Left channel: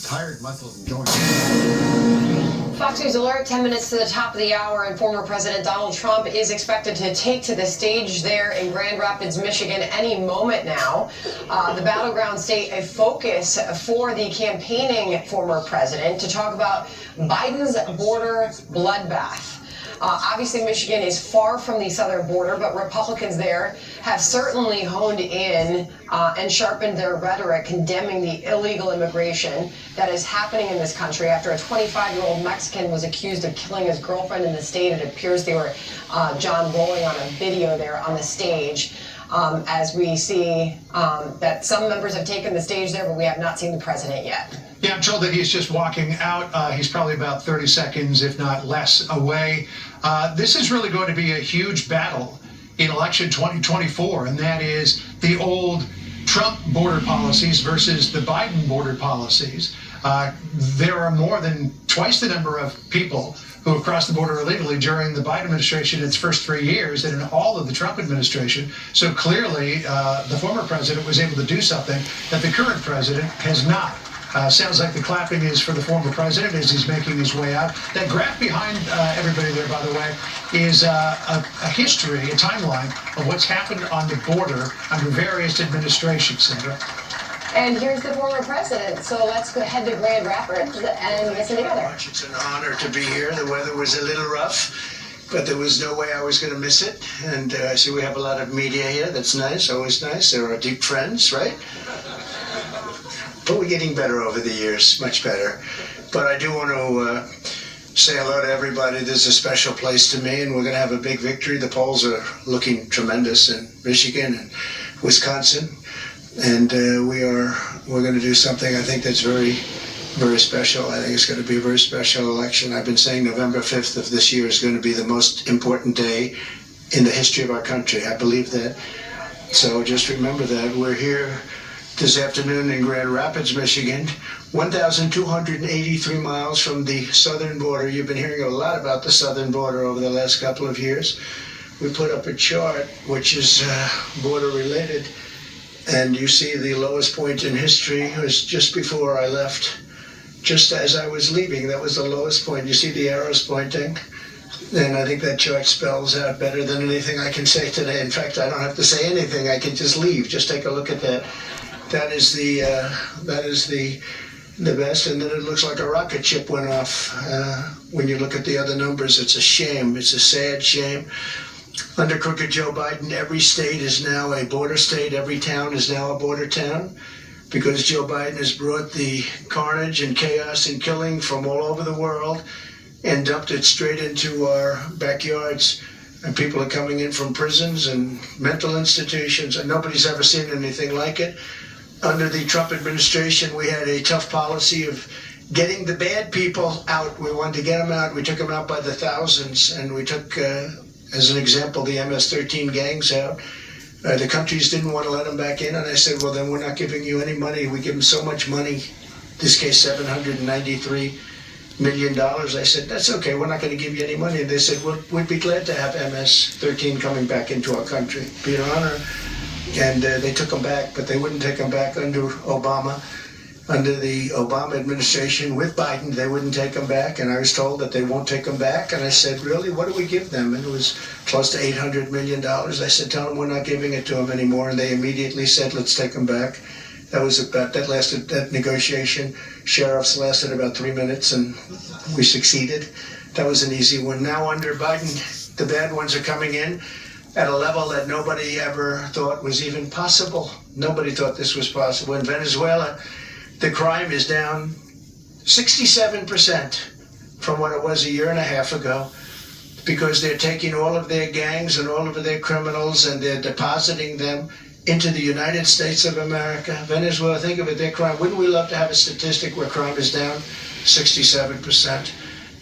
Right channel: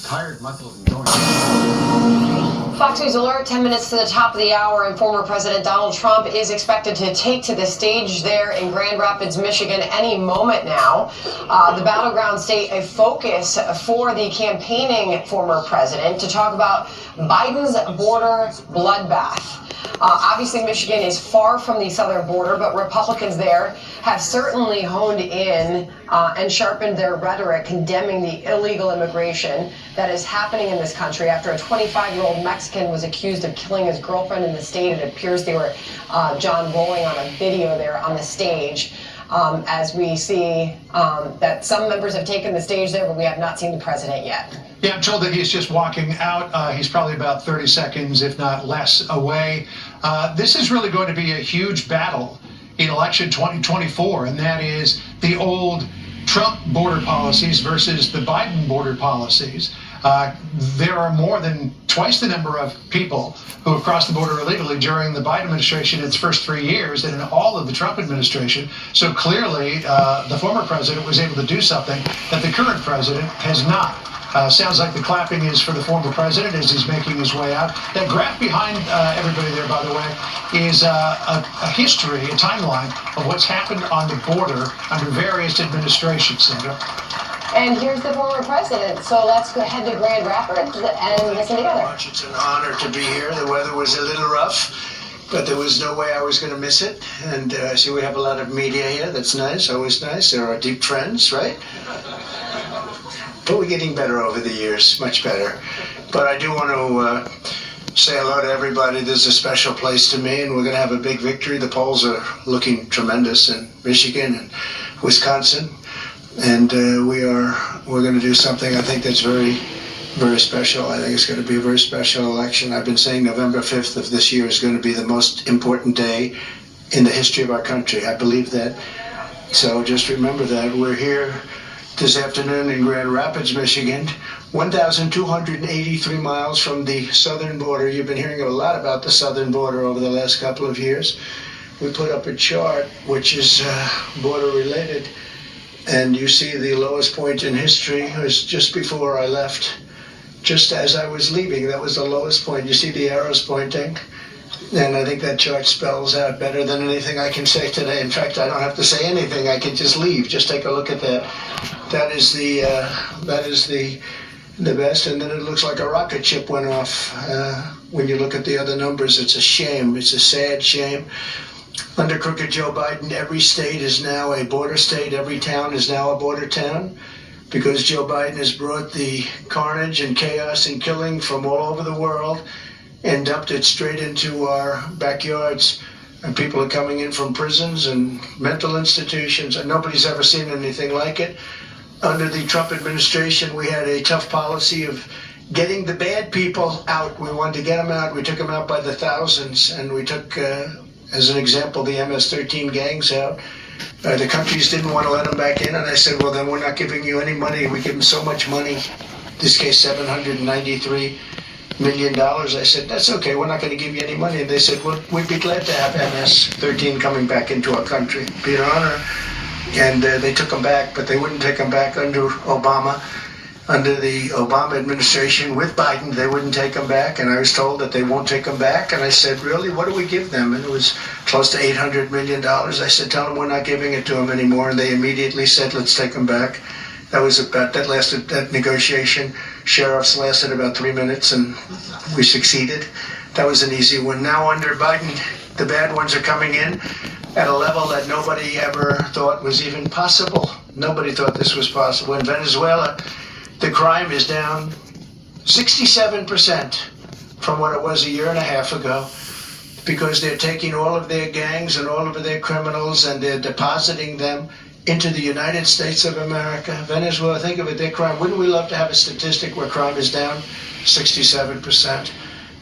Tired muscles and joints. Fox News Alert, 10 minutes to the top of the hour, and former President Donald Trump is expected to take to the stage there in Grand Rapids, Michigan any moment now. The battleground state, a focus for the campaigning former president to talk about Biden's border bloodbath. Obviously, Michigan is far from the southern border, but Republicans there have certainly honed in and sharpened their rhetoric condemning the illegal immigration that is happening in this country after a 25-year-old Mexican was accused of killing his girlfriend in the state. It appears they were John rolling on a video there on the stage. As we see that some members have taken the stage there, but we have not seen the president yet. Yeah, I'm told that he's just walking out. He's probably about 30 seconds, if not less, away. This is really going to be a huge battle in election 2024, and that is the old Trump border policies versus the Biden border policies. There are more than twice the number of people who have crossed the border illegally during the Biden administration in its first 3 years than in all of the Trump administration. So clearly, the former president was able to do something that the current president has not. Sounds like the clapping is for the former president as he's making his way out. That graph behind everybody there, by the way, is a history, a timeline of what's happened on the border under various administrations, Sandra. And here's the former president. So let's go head to Grand Rapids and listen together. It's an honor to be here. The weather was a little rough, but there was no way I was going to miss it. And I see we have a lot of media here. That's nice, always nice. There are deep friends, right? But we're getting better over the years, much better. But I do want to say hello to everybody. This is a special place to me, and we're going to have a big victory. The polls are looking tremendous in Michigan and Wisconsin, and we're going to do something I think that's very, very special. I think it's going to be a very special election. I've been saying November 5th of this year is going to be the most important day in the history of our country. I believe that. So just remember that. We're here this afternoon in Grand Rapids, Michigan, 1,283 miles from the southern border. You've been hearing a lot about the southern border over the last couple of years. We put up a chart which is border related, and you see the lowest point in history was just before I left. Just as I was leaving, that was the lowest point. You see the arrows pointing? And I think that chart spells out better than anything I can say today. In fact, I don't have to say anything. I can just leave. Just take a look at that. That is the best. And then it looks like a rocket ship went off. When you look at the other numbers, it's a shame. It's a sad shame. Under crooked Joe Biden, every state is now a border state. Every town is now a border town, because Joe Biden has brought the carnage and chaos and killing from all over the world and dumped it straight into our backyards. And people are coming in from prisons and mental institutions, and nobody's ever seen anything like it. Under the Trump administration, we had a tough policy of getting the bad people out. We wanted to get them out. We took them out by the thousands, and we took, as an example, the MS-13 gangs out. The countries didn't want to let them back in, and I said, well, then we're not giving you any money. We give them so much money, in this case, $793 million. I said, that's okay, we're not going to give you any money. And they said, well, we'd be glad to have MS-13 coming back into our country. It'd be an honor. And they took them back, but they wouldn't take them back under Obama. Under the Obama administration with Biden, they wouldn't take them back, and I was told that they won't take them back. And I said, really, what do we give them? And it was close to $800 million. I said, tell them we're not giving it to them anymore. And they immediately said, let's take them back. That negotiation, sheriffs lasted about 3 minutes, and we succeeded. That was an easy one. Now under Biden, the bad ones are coming in at a level that nobody ever thought was even possible. Nobody thought this was possible. In Venezuela, the crime is down 67% from what it was a year and a half ago, because they're taking all of their gangs and all of their criminals and they're depositing them into the United States of America. Venezuela, think of it, their crime. Wouldn't we love to have a statistic where crime is down 67%?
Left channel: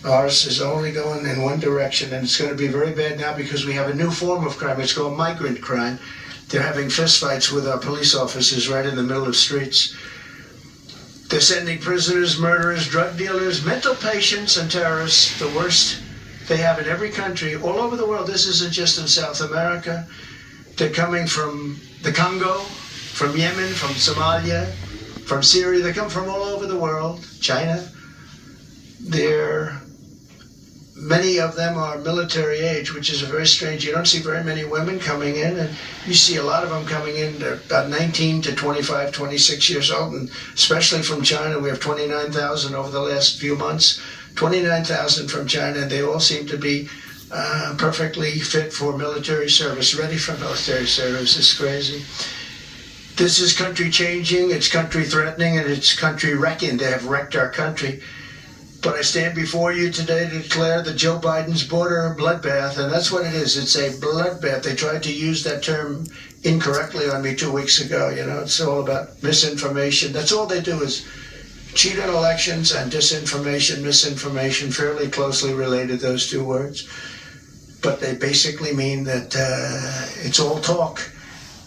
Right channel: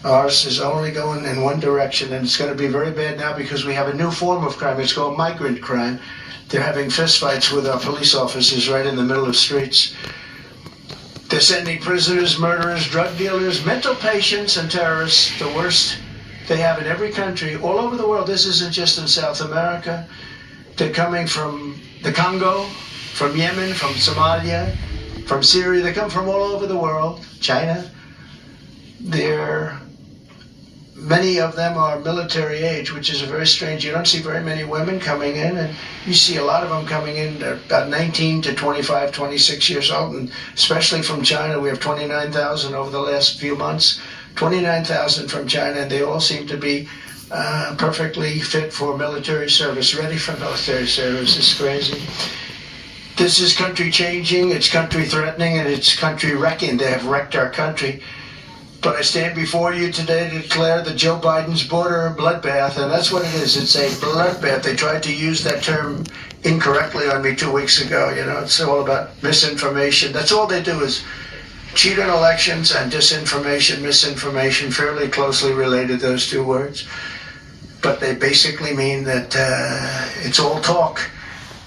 Ours is only going in one direction, and it's going to be very bad now because we have a new form of crime. It's called migrant crime. They're having fistfights with our police officers right in the middle of streets. They're sending prisoners, murderers, drug dealers, mental patients, and terrorists, the worst they have in every country, all over the world. This isn't just in South America. They're coming from the Congo, from Yemen, from Somalia, from Syria. They come from all over the world, China. Many of them are military age, which is very strange. You don't see very many women coming in, and you see a lot of them coming in. They're about 19 to 25, 26 years old, and especially from China. We have 29,000 over the last few months, 29,000 from China, and they all seem to be perfectly fit for military service, ready for military service. It's crazy. This is country changing, it's country threatening, and it's country wrecking. They have wrecked our country. But I stand before you today to declare that Joe Biden's border a bloodbath, and that's what it is. It's a bloodbath. They tried to use that term incorrectly on me 2 weeks ago. You know, it's all about misinformation. That's all they do is cheat on elections and disinformation, misinformation, fairly closely related, those two words. But they basically mean that it's all talk.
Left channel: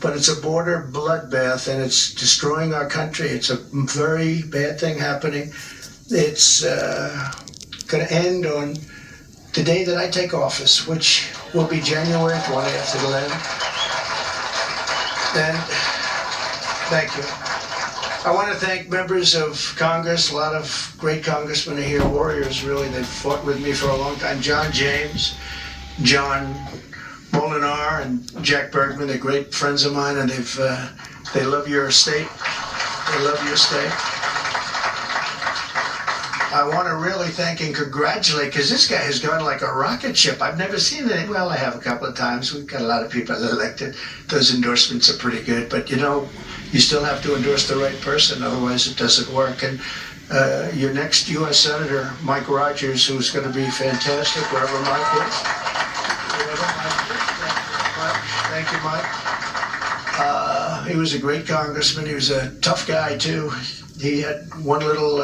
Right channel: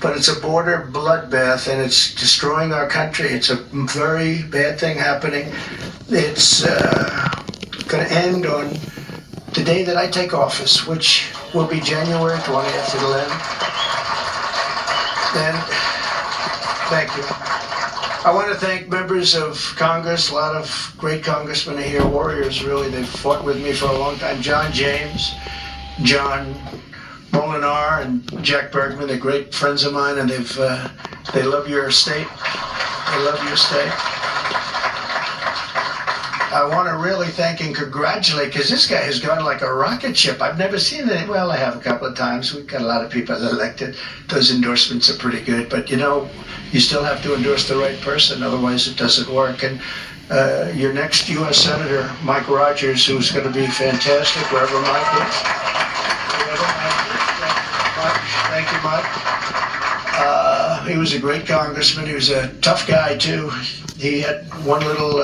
But it's a border bloodbath, and it's destroying our country. It's a very bad thing happening. It's going to end on the day that I take office, which will be January 20th. It'll end. And thank you. I want to thank members of Congress. A lot of great congressmen are here, warriors, really. They've fought with me for a long time. John James, John Molinar, and Jack Bergman. They're great friends of mine, and they love your state. They love your state. I want to really thank and congratulate, because this guy has gone like a rocket ship. I've never seen it. Well, I have a couple of times. We've got a lot of people elected. Those endorsements are pretty good. But, you know, you still have to endorse the right person, otherwise it doesn't work. And your next U.S. Senator, Mike Rogers, who's going to be fantastic, wherever Mike is. Thank you, Mike. He was a great congressman. He was a tough guy, too. He had one little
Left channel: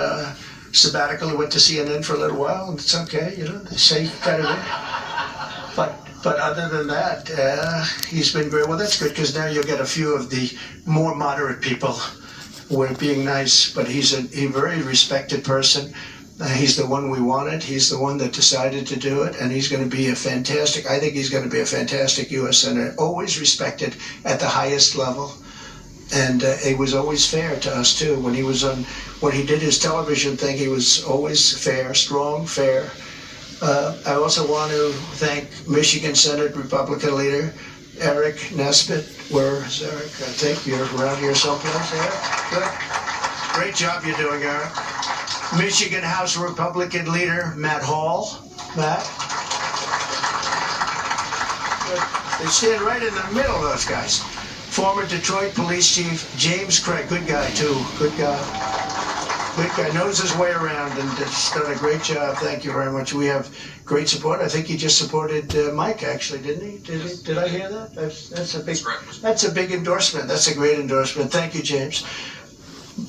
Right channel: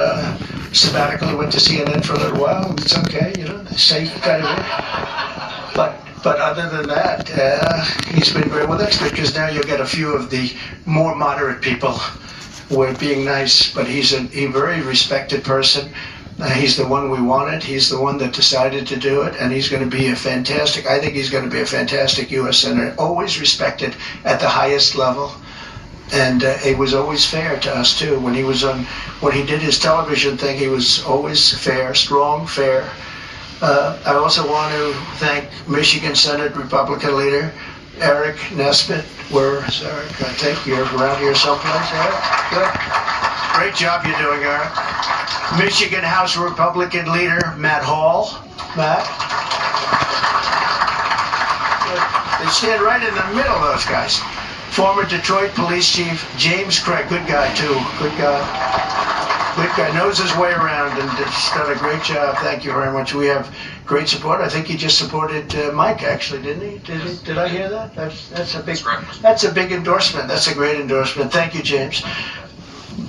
sabbatical. He went to CNN for a little while. It's okay, you know, safe kind of way. But other than that, he's been great. Well, that's good, because now you'll get a few of the more moderate people were being nice. But he's a very respected person. He's the one we wanted. He's the one that decided to do it, and he's going to be I think he's going to be a fantastic U.S. Senator, always respected at the highest level. And it was always fair to us, too. When he did his television thing, he was always fair, strong, fair. I also want to thank Michigan Senate Republican leader Eric Nesbitt. Where is Eric? I think you're around here someplace, Eric? Good. Great job you're doing, Eric. Michigan House Republican leader Matt Hall. Matt? Good. They stand right in the middle, those guys. Former Detroit Police Chief James Craig, good guy too, good guy. Good guy, knows his way around, and has done a great job. Thank you very much. We have great support. I think he just supported Mike, actually, didn't he? Did I hear that? That's a big endorsement. That's a great endorsement. Thank you, James.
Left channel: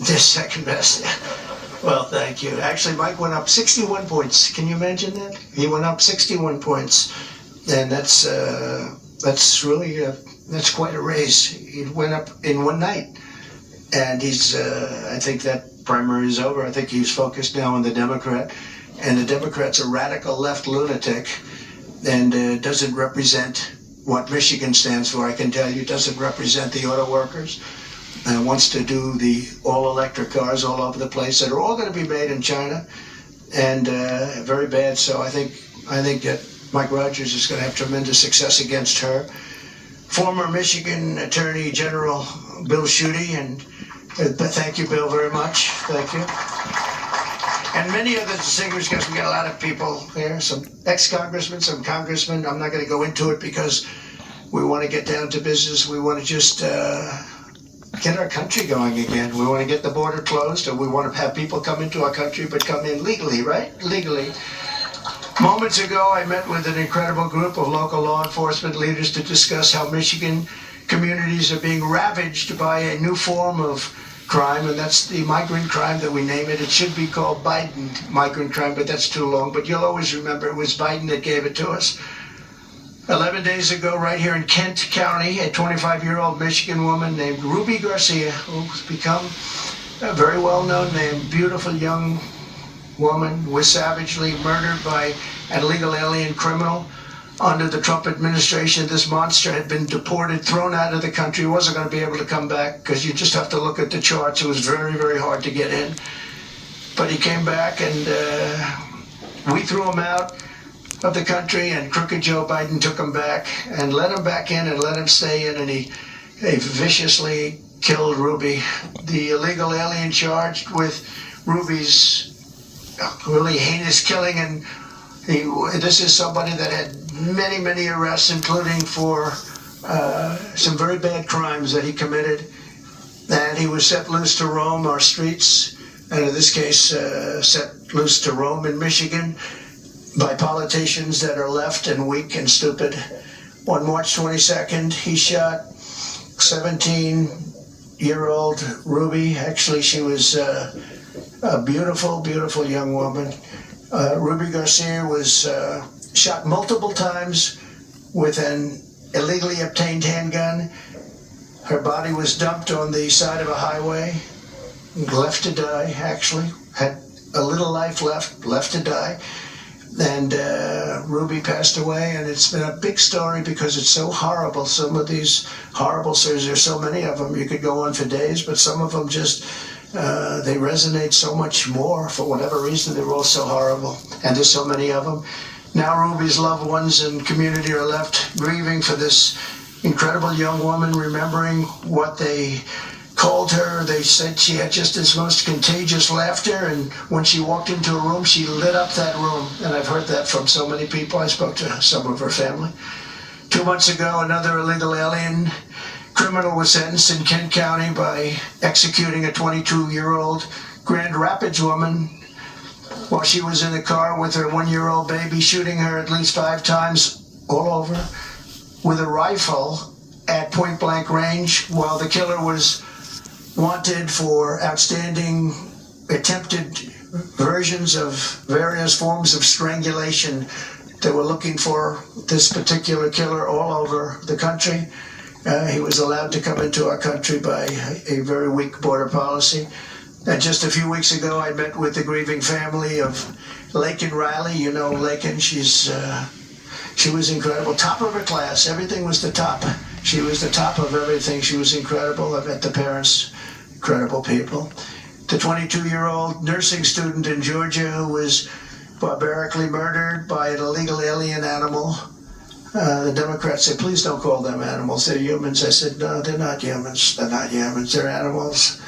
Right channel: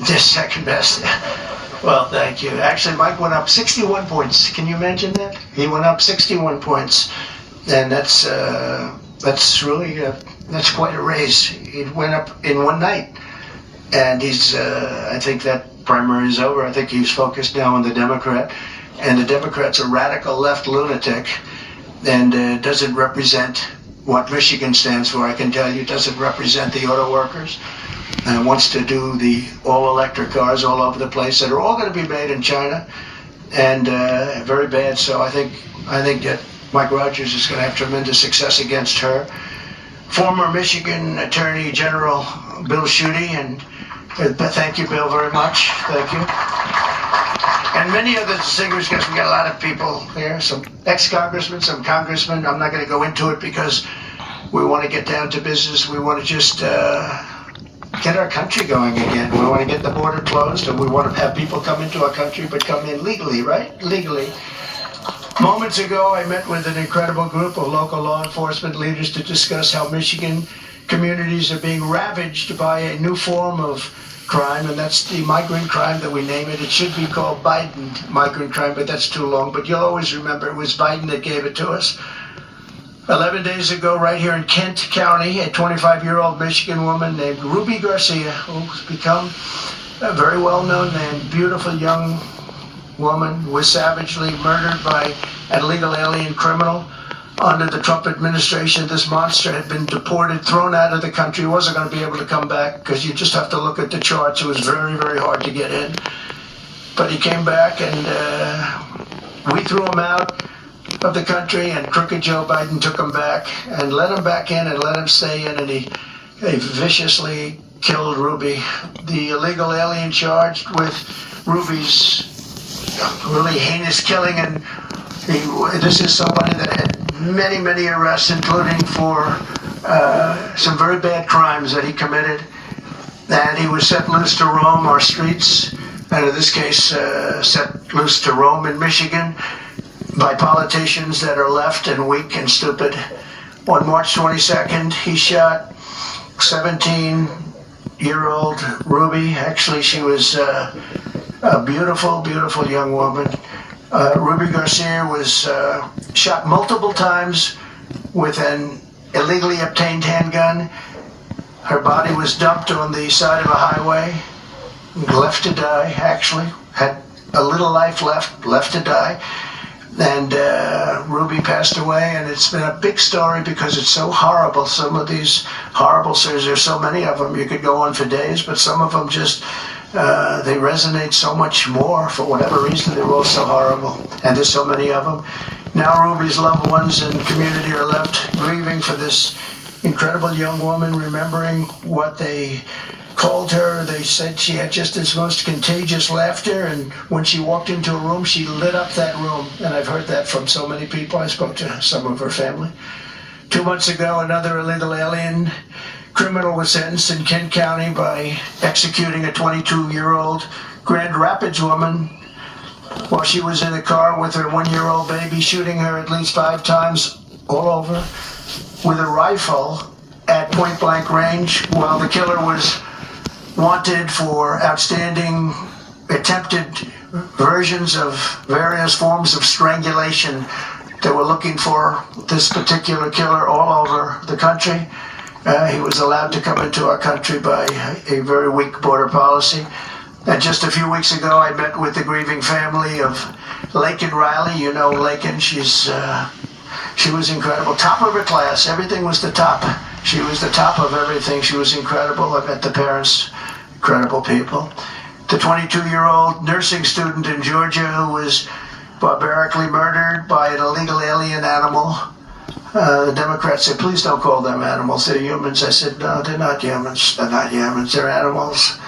Just second best. Well, thank you. Actually, Mike went up 61 points. Can you imagine that? He went up 61 points, and that's really. That's quite a raise. He went up in one night. And I think that primary is over. I think he's focused now on the Democrat. And the Democrat's a radical left lunatic and doesn't represent what Michigan stands for. I can tell you, doesn't represent the auto workers. And wants to do the all-electric cars all over the place that are all going to be made in China. And very bad. So I think that Mike Rogers is going to have tremendous success against her. Former Michigan Attorney General Bill Schuette, and thank you, Bill, very much. Thank you. And many other distinguished guests. We got a lot of people here, some ex-congressmen, some congressmen. I'm not going to go into it because we want to get down to business. We want to just get our country going again. We want to get the border closed, and we want to have people come into our country, but come in legally, right? Legally. Moments ago, I met with an incredible group of local law enforcement leaders to discuss how Michigan communities are being ravaged by a new form of crime, and that's the migrant crime that we name it. It should be called Biden migrant crime, but that's too long. But you'll always remember it was Biden that gave it to us. 11 days ago, right here in Kent County, a 25-year-old Michigan woman named Ruby Garcia, who's become a very well-known name, beautiful young woman, was savagely murdered by an illegal alien criminal. under the Trump administration, this monster had been deported, thrown out of the country, wasn't going to be able to come back, because you just have to look at the charts. It was very, very hard to get in. But he came back, and we threw him out of the country, and crooked Joe Biden took him back and let him back in and let him stay in, and he viciously killed Ruby. The illegal alien charged with Ruby's really heinous killing, and this is somebody that had many, many arrests, including for some very bad crimes that he committed. And he was set loose to roam our streets, and in this case, set loose to roam in Michigan by politicians that are left and weak and stupid. On March 22nd, he shot 17-year-old Ruby. Actually, she was a beautiful, beautiful young woman. Ruby Garcia was shot multiple times with an illegally obtained handgun. Her body was dumped on the side of a highway, left to die, actually. Had a little life left to die. And Ruby passed away, and it's been a big story because it's so horrible. Some of these horrible stories, there's so many of them, you could go on for days, but some of them just, they resonate so much more for whatever reason. They're all so horrible, and there's so many of them. Now Ruby's loved ones and community are left grieving for this incredible young woman, remembering what they called her. They said she had just this most contagious laughter, and when she walked into a room, she lit up that room. And I've heard that from so many people. I spoke to some of her family. 2 months ago, another illegal alien criminal was sentenced in Kent County by executing a 22-year-old Grand Rapids woman while she was in the car with her 1-year-old baby, shooting her at least 5 times all over with a rifle at point-blank range, while the killer was wanted for outstanding attempted versions of various forms of strangulation. They were looking for this particular killer all over the country. He was allowed to come into our country by a very weak border policy. And just a few weeks ago, I met with the grieving family of Laken Riley. You know Laken, she was incredible, top of her class. Everything was the top. She was the top of everything. She was incredible. I met the parents, incredible people. The 22-year-old nursing student in Georgia who was barbarically murdered by an illegal alien animal. The Democrats said, please don't call them animals. They're humans. I said, no, they're not humans. They're not humans. They're animals.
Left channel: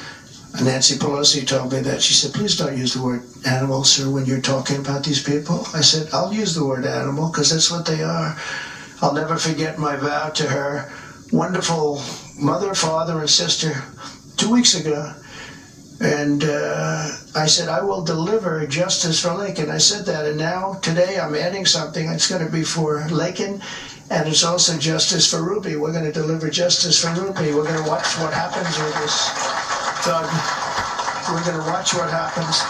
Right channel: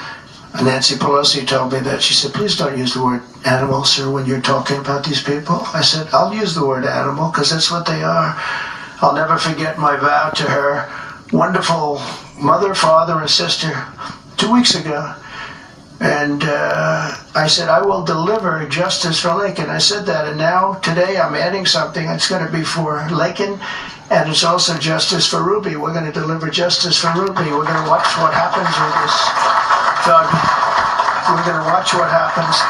And Nancy Pelosi told me that. She said, please don't use the word animal, sir, when you're talking about these people. I said, I'll use the word animal because that's what they are. I'll never forget my vow to her wonderful mother, father, and sister 2 weeks ago. And I said, I will deliver justice for Laken. I said that, and now, today, I'm adding something. It's going to be for Laken, and it's also justice for Ruby. We're going to deliver justice for Ruby. We're going to watch what happens with this thug. We're going to watch what happens.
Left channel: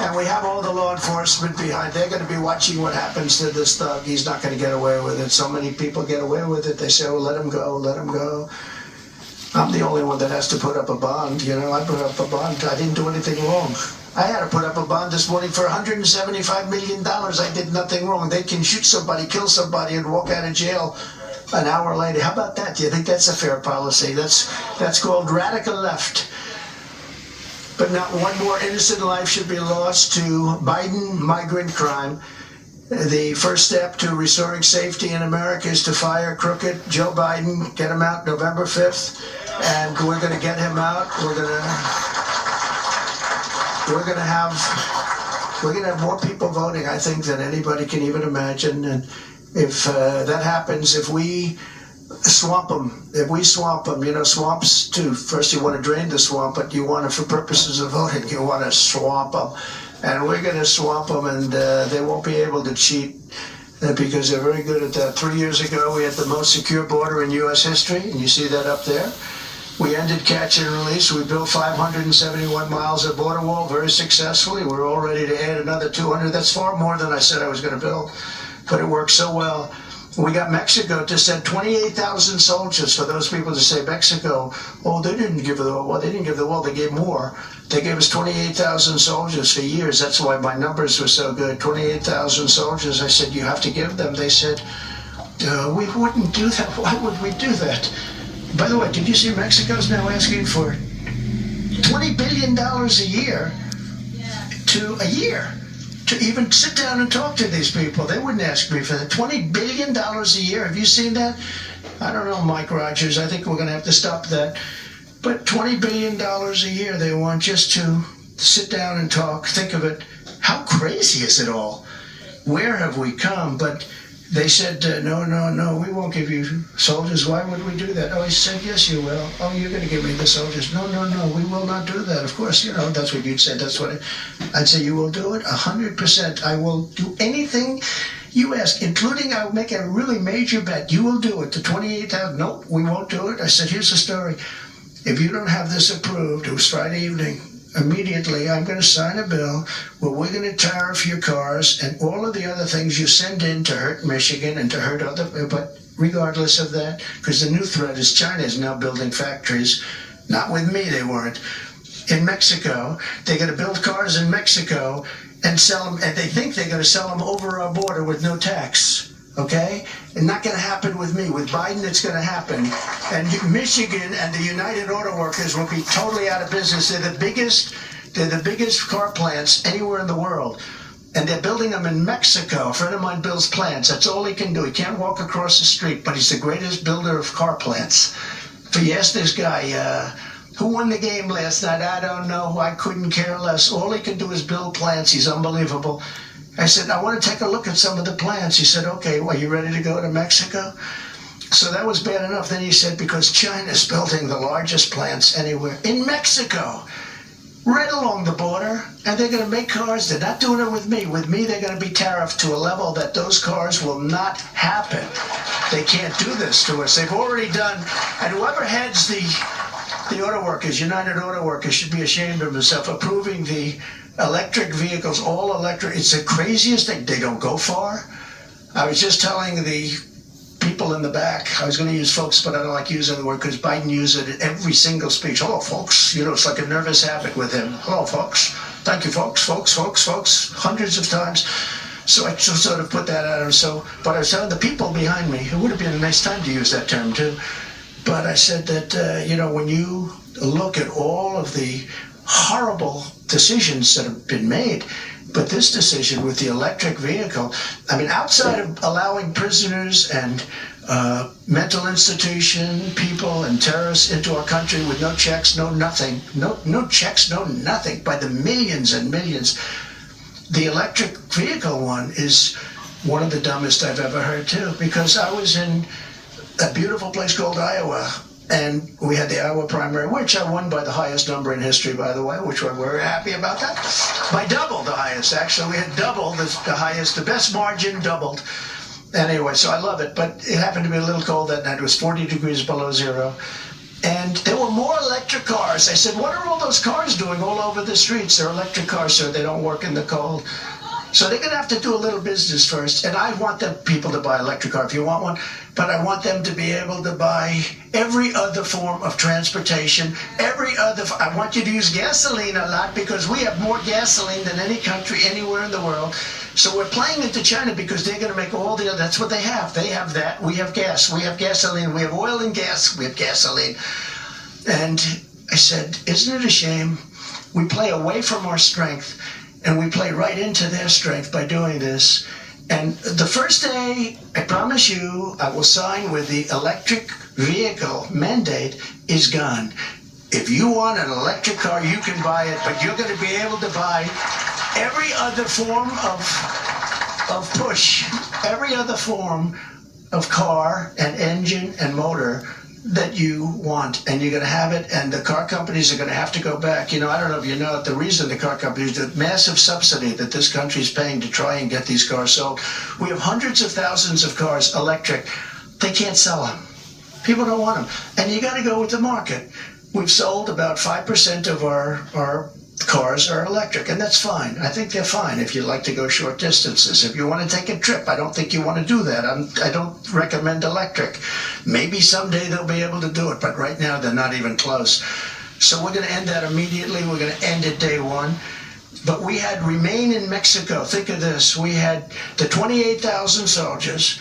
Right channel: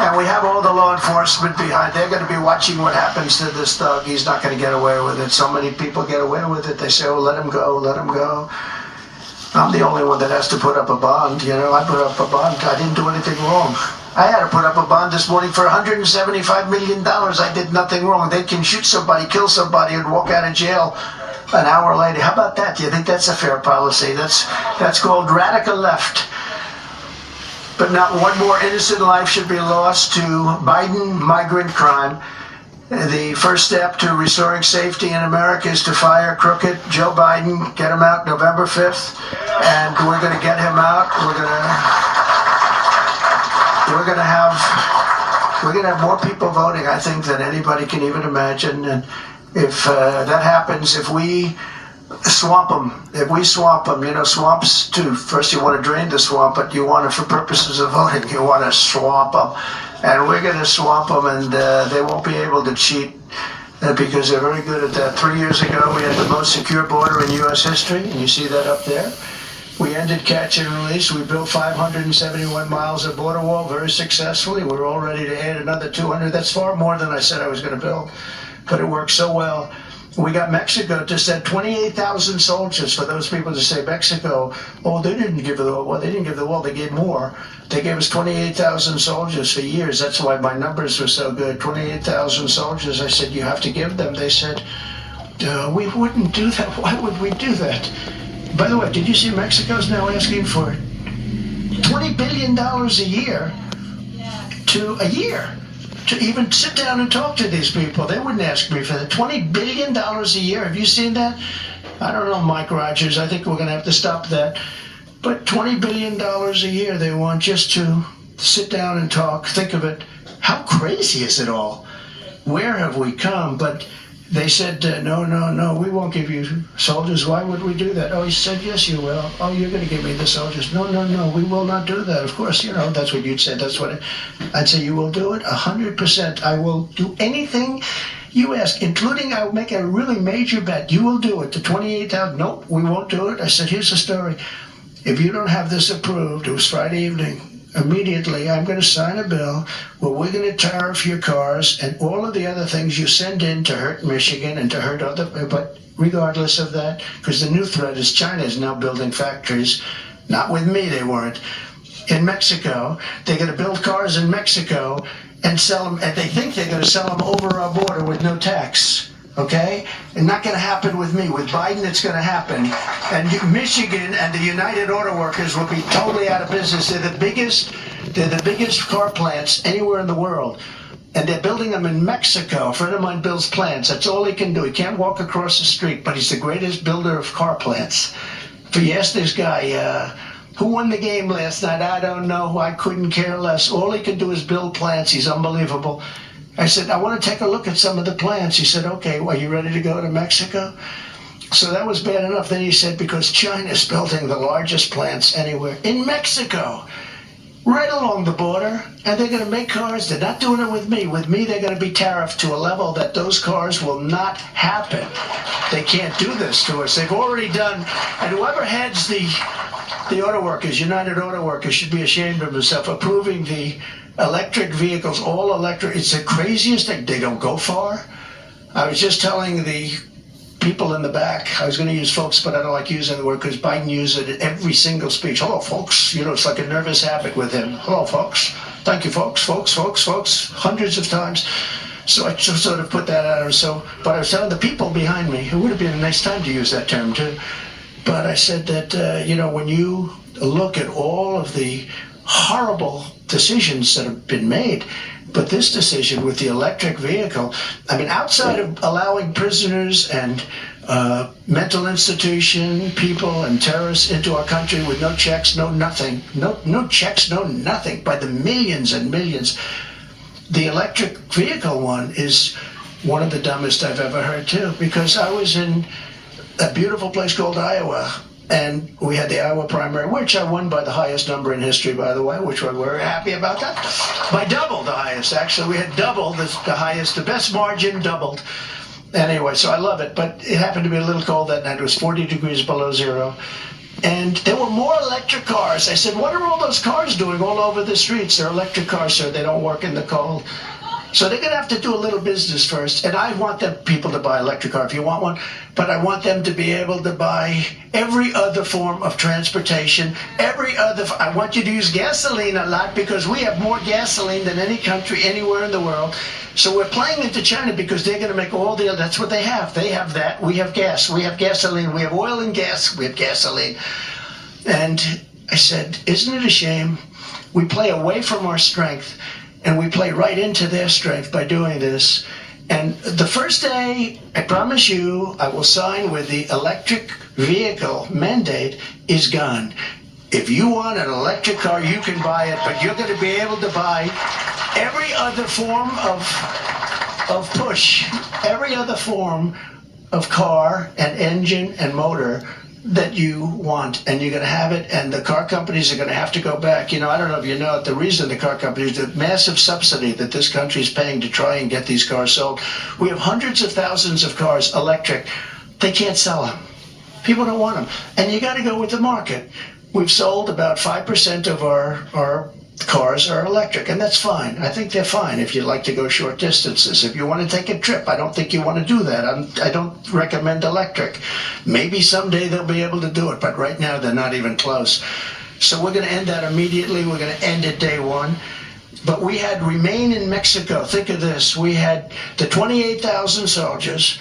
And we have all the law enforcement behind. They're going to be watching what happens to this thug. He's not going to get away with it. So many people get away with it. They say, oh, let him go, let him go. I'm the only one that has to put up a bond. You know, I put up a bond. I didn't do anything wrong. I had to put up a bond this morning for $175 million. I did nothing wrong. They can shoot somebody, kill somebody, and walk out of jail an hour later. How about that? Do you think that's a fair policy? That's called radical left. But not one more innocent life should be lost to Biden migrant crime. The first step to restoring safety in America is to fire crooked Joe Biden, get him out November 5th, and we're going to get him out. We're going to have more people voting, I think, than anybody can even imagine. And if that happens, if we swamp them, you know, swamps too. First you want to drain the swamp, but you want it for purposes of voting. You want to swamp them. And we're going to swamp them, and they won't be able to cheat because they're very good at that. 3 years ago, we had the most secure border in U.S. history, and you see that up there. We ended catch and release. We built 571 miles of border wall very successfully. We're all ready to add another 200. That's far more than I said I was going to build, but it worked so well. We got Mexico to send 28,000 soldiers. For those people to say Mexico, oh, they didn't give the wall. Well, they didn't give the wall. They gave more. They gave us 28,000 soldiers for years. That's why my numbers were so good. 28,000 soldiers. I said, you have to give them. They said, We wouldn't do that. Why would we do that? By the way, did you see Mexico's now asking for $20 billion a year to even sit down and talk to these people? They wouldn't ask me for that. $20 billion a year. Have you seen that? I don't know, Mike Rogers. I think we're going to have to stop that. But $20 billion a year they want just to sit down and talk. Think of it. How crazy is it all? Where have we come? But they said, no, we won't give you soldiers. Why would we do that? Oh, he said, yes, you will. Oh, you're going to give me the soldiers. No, we will not do that. Of course, that's what you'd say. That's what I'd say. You will do it 100%. I will do anything you ask, including I'll make a really major bet. You will do it. The 28,000. Nope, we won't do it. I said, here's the story. If you don't have this approved, it was Friday evening, immediately I'm going to sign a bill where we're going to tariff your cars and all of the other things you send in to hurt Michigan and to hurt other, but regardless of that, because the new threat is China is now building factories, not with me, they weren't, in Mexico. They're going to build cars in Mexico and sell them, and they think they're going to sell them over our border with no tax. Okay? And not going to happen with me. With Biden, it's going to happen. And Michigan and the United Auto Workers will be totally out of business. They're the biggest car plants anywhere in the world. And they're building them in Mexico. A friend of mine builds plants. That's all he can do. He can't walk across the street, but he's the greatest builder of car plants. If you ask this guy, who won the game last night? I don't know. I couldn't care less. All he can do is build plants. He's unbelievable. I said, I want to take a look at some of the plants. He said, okay, well, you ready to go to Mexico? So that was bad enough. Then he said, because China's building the largest plants anywhere in Mexico, right along the border, and they're going to make cars. They're not doing it with me. With me, they're going to be tariffed to a level that those cars will not happen. They can't do this to us. They've already done, and whoever heads the auto workers, United Auto Workers, should be ashamed of himself, approving the electric vehicles, all electric. It's the craziest thing. They don't go far. I was just telling the people in the back, I was going to use folks, but I don't like using the word because Biden used it in every single speech. Hello, folks. It's like a nervous habit with him. Hello, folks. Thank you, folks, hundreds of times. So I just sort of put that out. But I was telling the people behind me, it would have been a nice time to use that term too. But I said that, when you look at all of the horrible decisions that have been made, but this decision with the electric vehicle, I mean, outside of allowing prisoners and mental institution people and terrorists into our country with no checks, no nothing, no checks, no nothing, by the millions and millions, the electric vehicle one is one of the dumbest I've ever heard too, because I was in a beautiful place called Iowa, and we had the Iowa primary, which I won by the highest number in history, by the way, which we're very happy about that. By double the highest, actually. We had double the highest, the best margin doubled. Anyway, so I love it, but it happened to be a little cold that night. It was 40 degrees below zero. And there were more electric cars. I said, what are all those cars doing all over the streets? They're electric cars, so they don't work in the cold. So they're going to have to do a little business first. And I want them people to buy an electric car if you want one. But I want them to be able to buy every other form of transportation. I want you to use gasoline a lot because we have more gasoline than any country anywhere in the world. So we're playing into China because they're going to make all the other, that's what they have. They have that. We have gas. We have gasoline. We have oil and gas. We have gasoline. And I said, isn't it a shame? We play away from our strength. And we play right into their strength by doing this. And the first day, I promise you, I will sign with the electric vehicle mandate is gone. If you want an electric car, you can buy it, but you're going to be able to buy every other form of push, every other form of car and engine and motor that you want, and you're going to have it, and the car companies are going to have to go back. I don't know if you know it, the reason the car companies, the massive subsidy that this country is paying to try and get these cars sold. We have hundreds of thousands of cars electric. They can't sell them. People don't want them. And you got to go with the market. We've sold about 5% of our cars are electric, and that's fine. I think they're fine if you like to go short distances. If you want to take a trip, I don't think you want to do that. I don't recommend electric. Maybe someday they'll be able to do it, but right now they're not even close. So we're going to end that immediately. We're going to end it day one. But we had remain in Mexico. Think of this. We had the 28,000 soldiers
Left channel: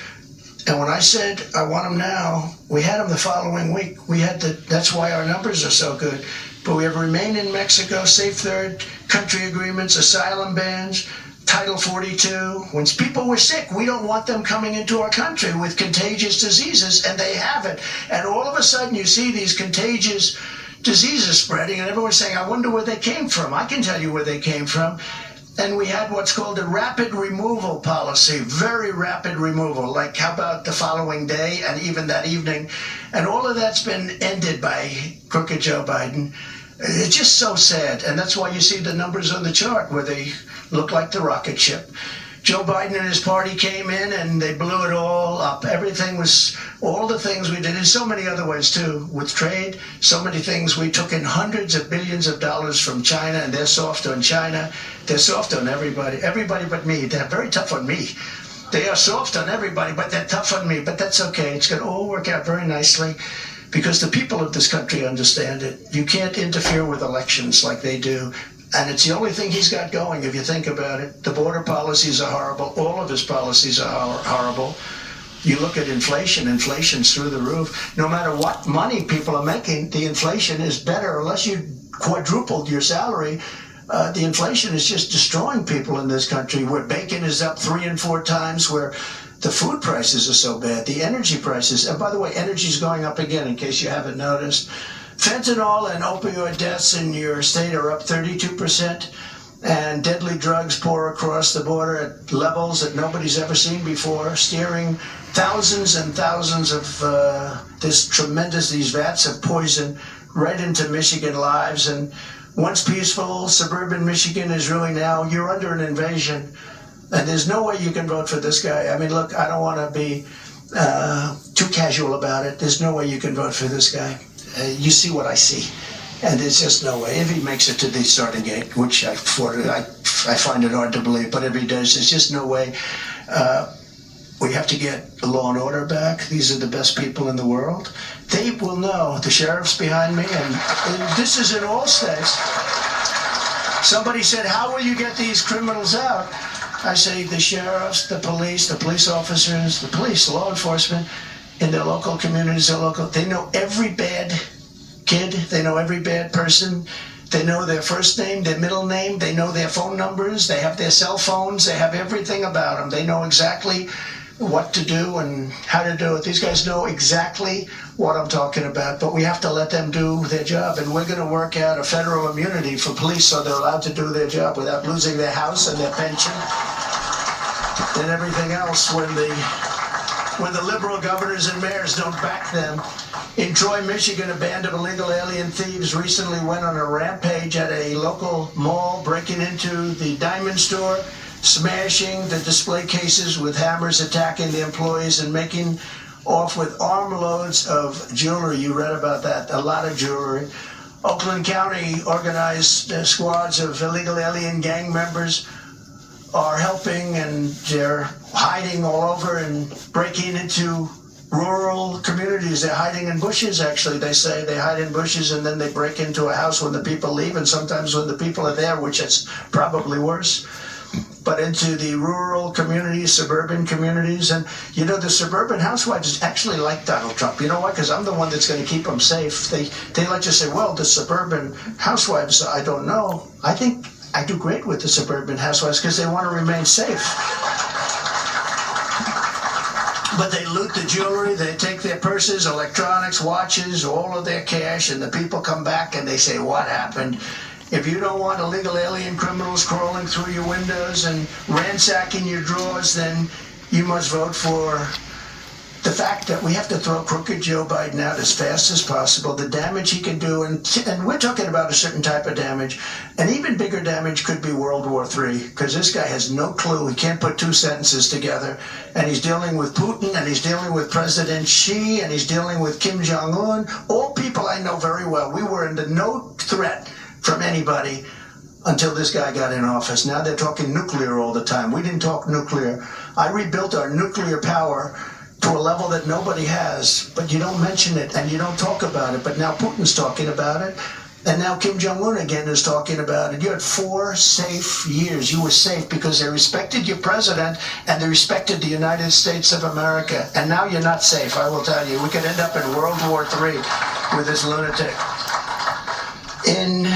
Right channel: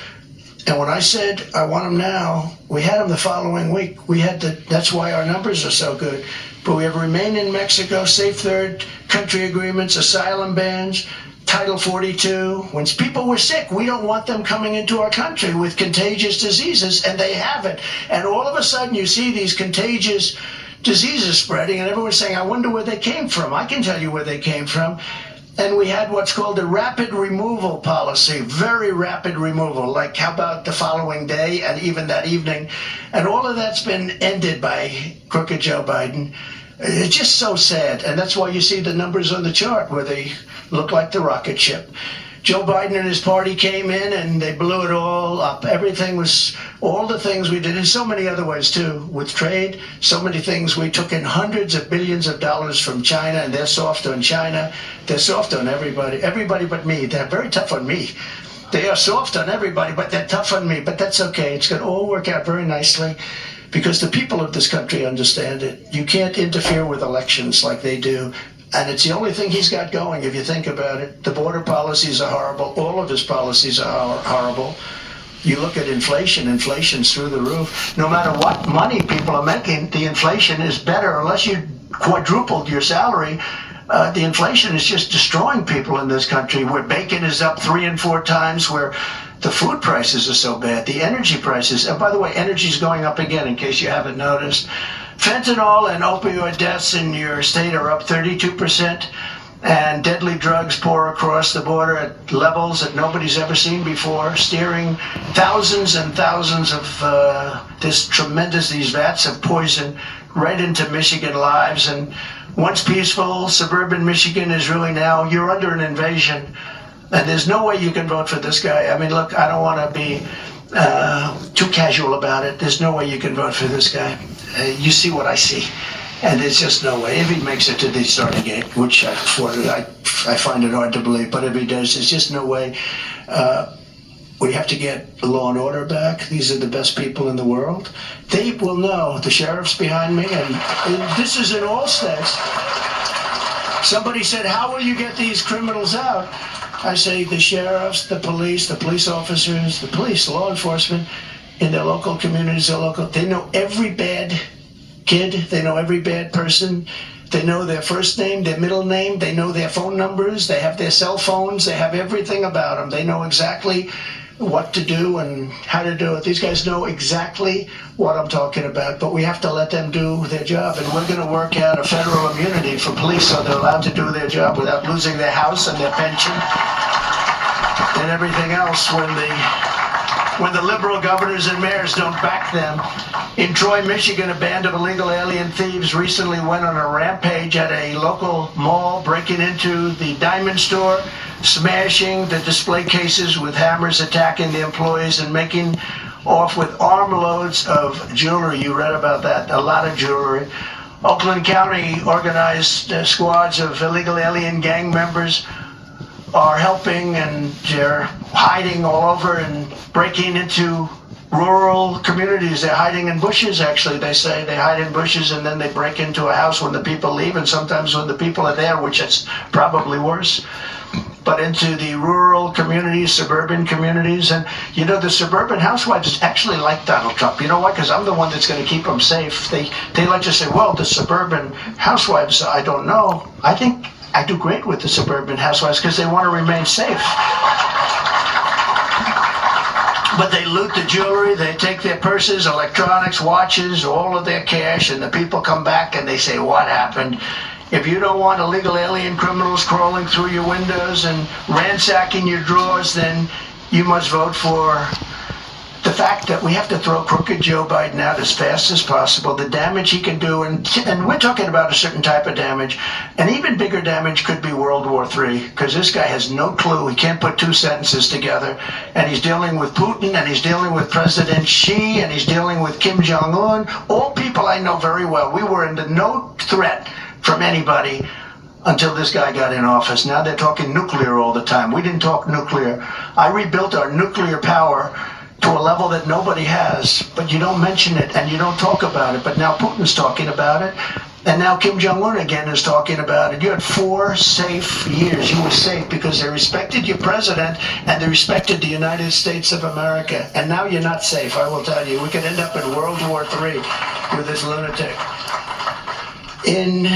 And when I said, I want them now, we had them the following week. That's why our numbers are so good. But we have remain in Mexico, safe third country agreements, asylum bans, Title 42. When people were sick, we don't want them coming into our country with contagious diseases, and they have it. And all of a sudden you see these contagious diseases spreading, and everyone's saying, I wonder where they came from. I can tell you where they came from. And we had what's called a rapid removal policy, very rapid removal, like how about the following day and even that evening. And all of that's been ended by crooked Joe Biden. It's just so sad. And that's why you see the numbers on the chart where they look like the rocket ship. Joe Biden and his party came in and they blew it all up. Everything was, all the things we did in so many other ways too, with trade, so many things. We took in hundreds of billions of dollars from China, and they're soft on China. They're soft on everybody but me. They're very tough on me. They are soft on everybody, but they're tough on me. But that's okay. It's going to all work out very nicely because the people of this country understand it. You can't interfere with elections like they do. And it's the only thing he's got going, if you think about it. The border policies are horrible. All of his policies are horrible. You look at inflation, inflation's through the roof. No matter what money people are making, the inflation is better. Unless you quadrupled your salary, the inflation is just destroying people in this country, where bacon is up 3 and 4 times, where the food prices are so bad, the energy prices. And by the way, energy's going up again, in case you haven't noticed. Fentanyl and opioid deaths in your state are up 32%, and deadly drugs pour across the border at levels that nobody's ever seen before, steering thousands and thousands of these vats of poison right into Michigan lives. And once peaceful, suburban Michigan is really now, you're under an invasion. And there's no way you can vote for this guy. I mean, look, I don't want to be too casual about it. There's no way you can vote for this guy. You see what I see, and there's just no way. If he makes it to the starting gate, which I find it hard to believe, but if he does, there's just no way. We have to get law and order back. These are the best people in the world. They will know. The sheriff's behind me, and this is in all states. Somebody said, how will you get these criminals out? I say the sheriffs, the police officers, the police, law enforcement, in their local communities, they know every bad kid, they know every bad person, they know their first name, their middle name, they know their phone numbers, they have their cell phones, they have everything about them. They know exactly what to do and how to do it. These guys know exactly what I'm talking about, but we have to let them do their job, and we're going to work out a federal immunity for police so they're allowed to do their job without losing their house and their pension and everything else when the liberal governors and mayors don't back them. In Troy, Michigan, a band of illegal alien thieves recently went on a rampage at a local mall, breaking into the diamond store, smashing the display cases with hammers, attacking the employees, and making off with armloads of jewelry. You read about that, a lot of jewelry. Oakland County organized squads of illegal alien gang members are helping, and they're hiding all over and breaking into rural communities. They're hiding in bushes, actually. They say they hide in bushes and then they break into a house when the people leave, and sometimes when the people are there, which is probably worse. But into the rural communities, suburban communities. And you know, the suburban housewives actually like Donald Trump. You know why? Because I'm the one that's going to keep them safe. They like to say, well, the suburban housewives, I don't know. I think I do great with the suburban housewives because they want to remain safe. But they loot the jewelry, they take their purses, electronics, watches, all of their cash, and the people come back and they say, what happened? If you don't want illegal alien criminals crawling through your windows and ransacking your drawers, then you must vote for the fact that we have to throw crooked Joe Biden out as fast as possible. The damage he can do, and we're talking about a certain type of damage. An even bigger damage could be World War III, because this guy has no clue. He can't put two sentences together. And he's dealing with Putin, and he's dealing with President Xi, and he's dealing with Kim Jong-un. All people I know very well. We were under no threat from anybody until this guy got in office. Now they're talking nuclear all the time. We didn't talk nuclear. I rebuilt our nuclear power to a level that nobody has, but you don't mention it and you don't talk about it. But now Putin's talking about it, And now Kim Jong-un again is talking about it. You had 4 safe years. You were safe because they respected your president and they respected the United States of America. And now you're not safe, I will tell you. We could end up in World War III with this lunatic. In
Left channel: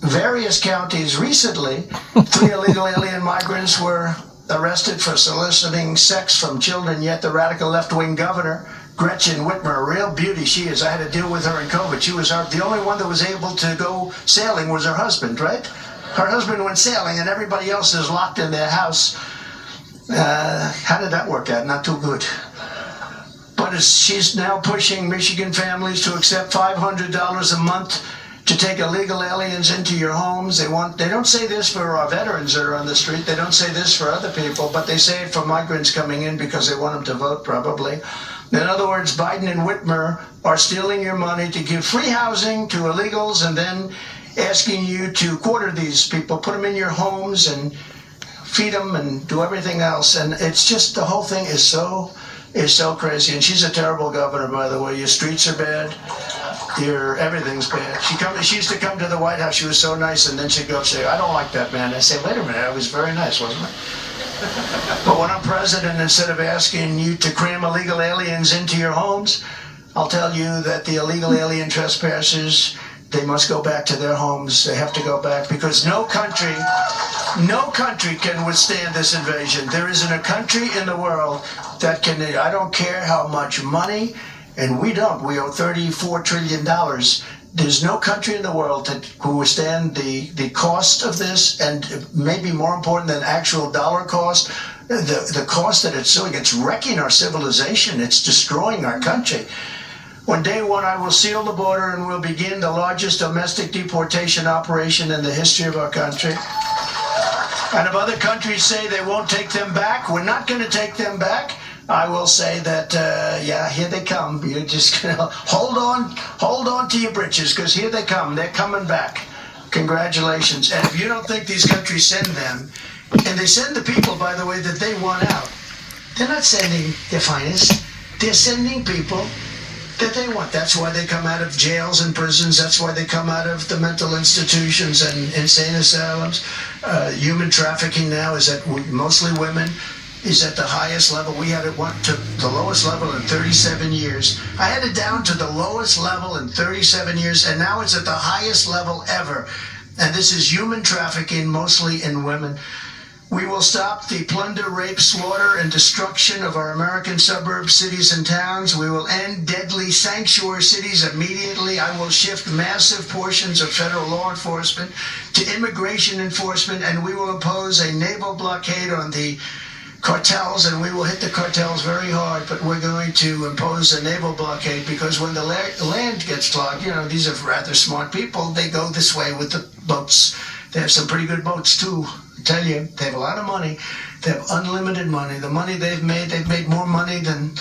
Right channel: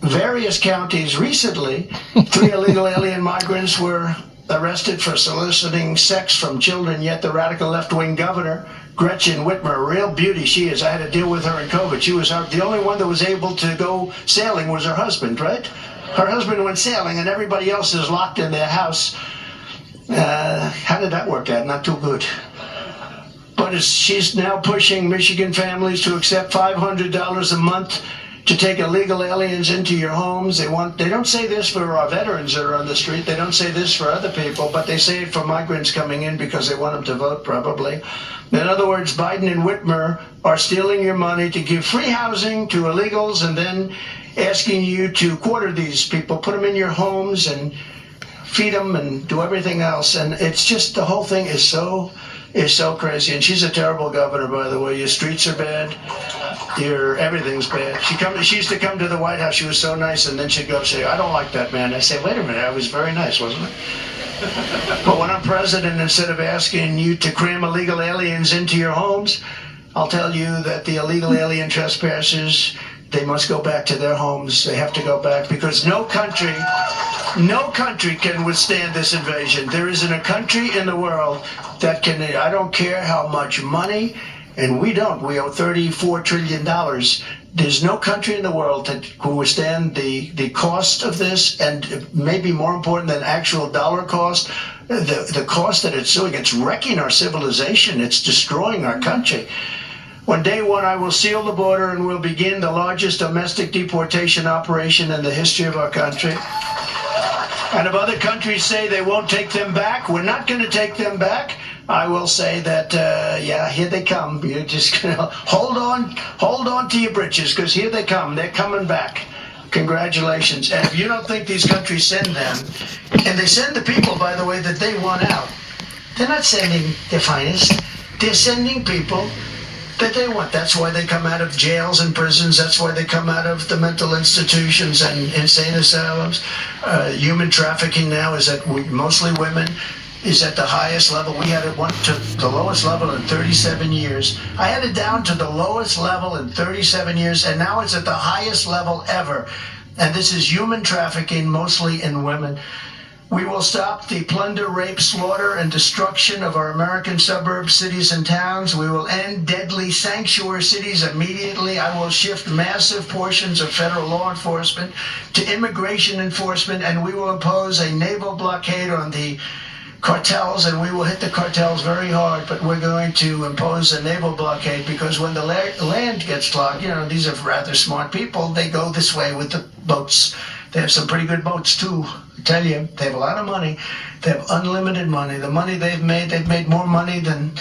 various counties recently, 3 illegal alien migrants were arrested for soliciting sex from children, yet the radical left-wing governor, Gretchen Whitmer, a real beauty she is. I had to deal with her in COVID. She was the only one that was able to go sailing was her husband, right? Her husband went sailing and everybody else is locked in their house. How did that work out? Not too good. But she's now pushing Michigan families to accept $500 a month to take illegal aliens into your homes. They don't say this for our veterans that are on the street. They don't say this for other people, but they say it for migrants coming in because they want them to vote, probably. In other words, Biden and Whitmer are stealing your money to give free housing to illegals and then asking you to quarter these people, put them in your homes and feed them and do everything else. And it's just, the whole thing is so crazy. And she's a terrible governor, by the way. Your streets are bad. Everything's bad. She used to come to the White House. She was so nice, and then she'd go say, "I don't like that man." I say, "Wait a minute, I was very nice, wasn't it?" But when I'm president, instead of asking you to cram illegal aliens into your homes, I'll tell you that the illegal alien trespassers, they must go back to their homes. They have to go back because no country can withstand this invasion. There isn't a country in the world that can. I don't care how much money, and we owe $34 trillion. There's no country in the world that can withstand the cost of this, and maybe more important than actual dollar cost, the cost that it's doing. It's wrecking our civilization. It's destroying our country. On day one, I will seal the border and we'll begin the largest domestic deportation operation in the history of our country. And if other countries say they won't take them back, we're not going to take them back. I will say that, here they come. You're just going to hold on to your britches, because here they come. They're coming back. Congratulations. And if you don't think these countries send them, and they send the people, by the way, that they want out, they're not sending their finest. They're sending people that they want. That's why they come out of jails and prisons. That's why they come out of the mental institutions and insane asylums. Human trafficking now is at mostly women. Is at the highest level. We had it went to the lowest level in 37 years. I had it down to the lowest level in 37 years, and now it's at the highest level ever. And this is human trafficking, mostly in women. We will stop the plunder, rape, slaughter, and destruction of our American suburbs, cities, and towns. We will end deadly sanctuary cities immediately. I will shift massive portions of federal law enforcement to immigration enforcement, and we will impose a naval blockade on the cartels, and we will hit the cartels very hard, but we're going to impose a naval blockade, because when the land gets clogged, these are rather smart people, they go this way with the boats. They have some pretty good boats too, I tell you. They have a lot of money. They have unlimited money. The money they've made more money than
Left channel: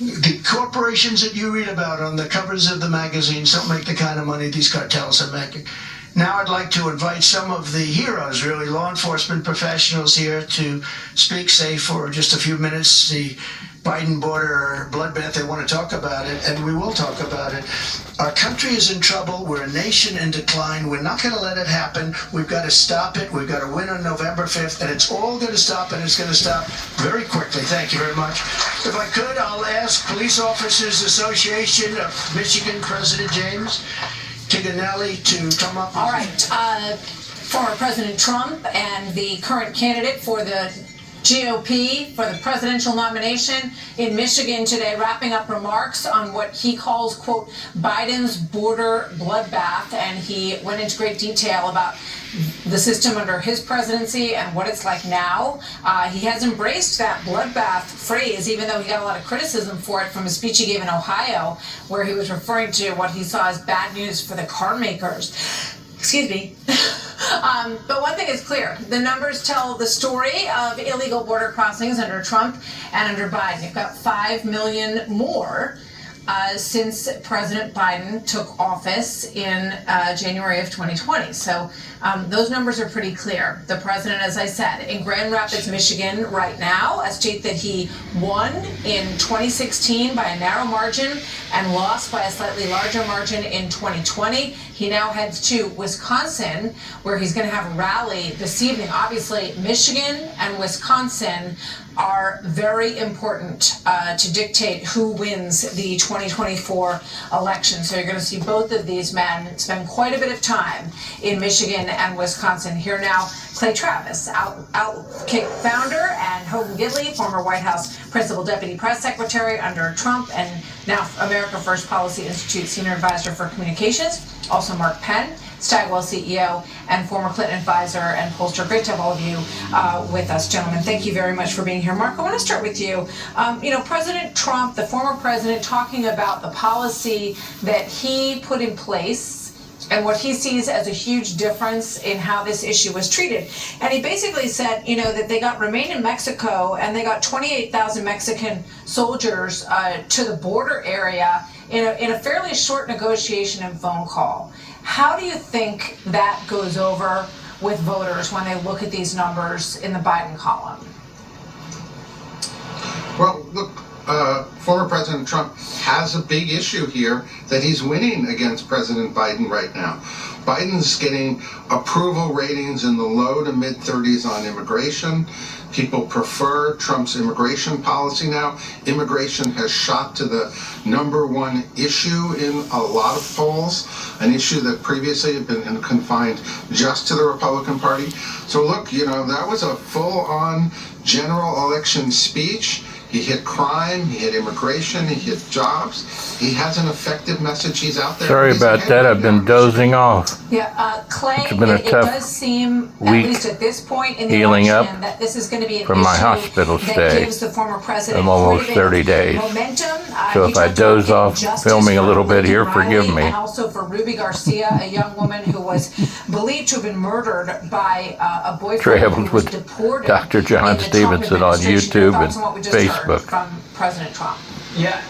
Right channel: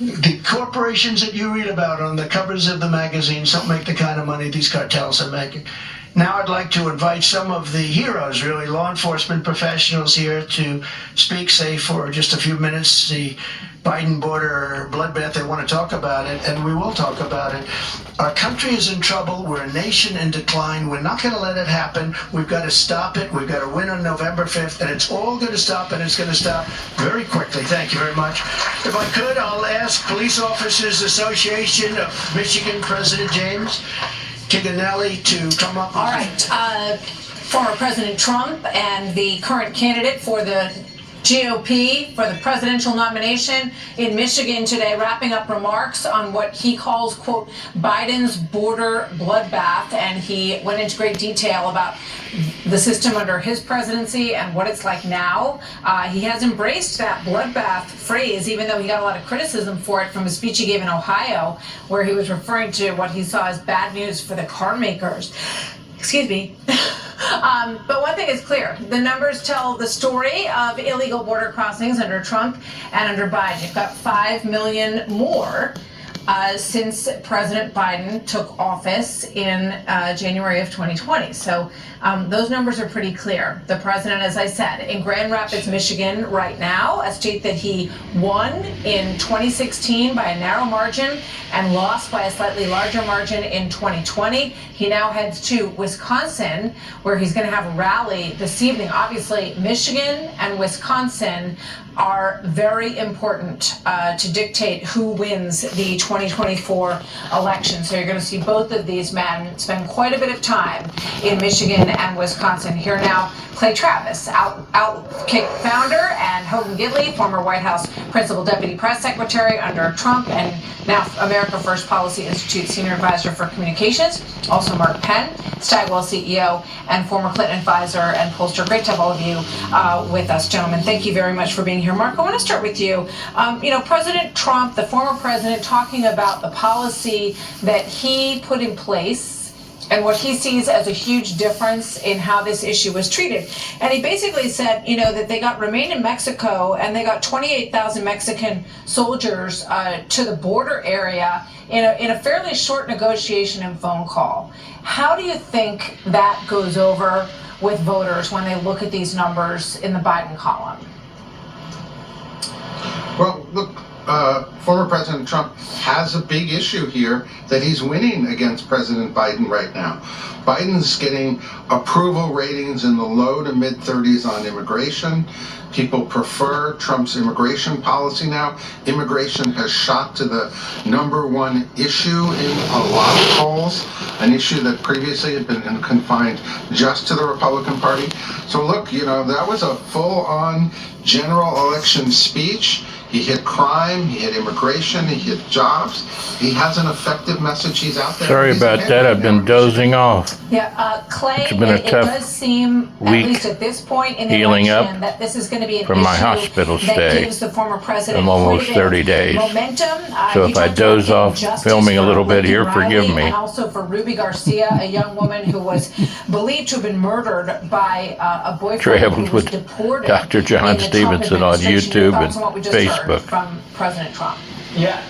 the corporations that you read about on the covers of the magazines. Don't make the kind of money these cartels are making. Now I'd like to invite some of the heroes, really, law enforcement professionals here to speak, say, for just a few minutes, the Biden border bloodbath. They want to talk about it, and we will talk about it. Our country is in trouble. We're a nation in decline. We're not going to let it happen. We've got to stop it. We've got to win on November 5th, and it's all going to stop, and it's going to stop very quickly. Thank you very much. If I could, I'll ask Police Officers Association of Michigan President James Tiganelli to come up. All right. Former President Trump and the current candidate for the GOP for the presidential nomination in Michigan today, wrapping up remarks on what he calls, quote, Biden's border bloodbath. And he went into great detail about the system under his presidency and what it's like now. He has embraced that bloodbath phrase, even though he got a lot of criticism for it from a speech he gave in Ohio, where he was referring to what he saw as bad news for the car makers. Excuse me. But one thing is clear. The numbers tell the story of illegal border crossings under Trump and under Biden. You've got 5 million more since President Biden took office in January of 2020. So those numbers are pretty clear. The president, as I said, in Grand Rapids, Michigan right now, a state that he won in 2016 by a narrow margin and lost by a slightly larger margin in 2020. He now heads to Wisconsin, where he's going to have a rally this evening. Obviously, Michigan and Wisconsin are very important to dictate who wins the 2024 election. So you're going to see both of these men spend quite a bit of time in Michigan and Wisconsin. Here now, Clay Travis, Outkick founder, and Hogan Gidley, former White House Principal Deputy Press Secretary under Trump, and now America First Policy Institute Senior Advisor for Communications. Also Mark Penn, Stagwell CEO and former Clinton advisor and pollster. Great to have all of you with us, gentlemen. Thank you very much for being here. Mark, I want to start with you. President Trump, the former president, talking about the policy that he put in place and what he sees as a huge difference in how this issue was treated. And he basically said, that they remained in Mexico and they got 28,000 Mexican soldiers to the border area in a fairly short negotiation and phone call. How do you think that goes over with voters when they look at these numbers in the Biden column? Well, look, former President Trump has a big issue here that he's winning against President Biden right now. Biden's getting approval ratings in the low to mid 30s on immigration. People prefer Trump's immigration policy now. Immigration has shot to the #1 issue in a lot of polls, an issue that previously had been confined just to the Republican Party. So look, that was a full-on general election speech. He hit crime, he hit immigration, he hit jobs. He has an effective message. He's out there. Sorry about that. I've been dozing off. Yeah, Clay, It's been a it tough does seem, at week least at this point in the healing election, up that this is going to be an from my issue hospital that stay. gives the former president I'm almost quite a bit 30 days. momentum. So He if I talked doze about off justice filming a for little bit here, Lincoln forgive Riley, me. And also for Ruby Garcia, a young woman who was believed to have been murdered by a boyfriend Traveled who was with deported Dr. John in the Trump Stephenson on administration. Your YouTube thoughts and on what we just heard Facebook. from President Trump? Yeah.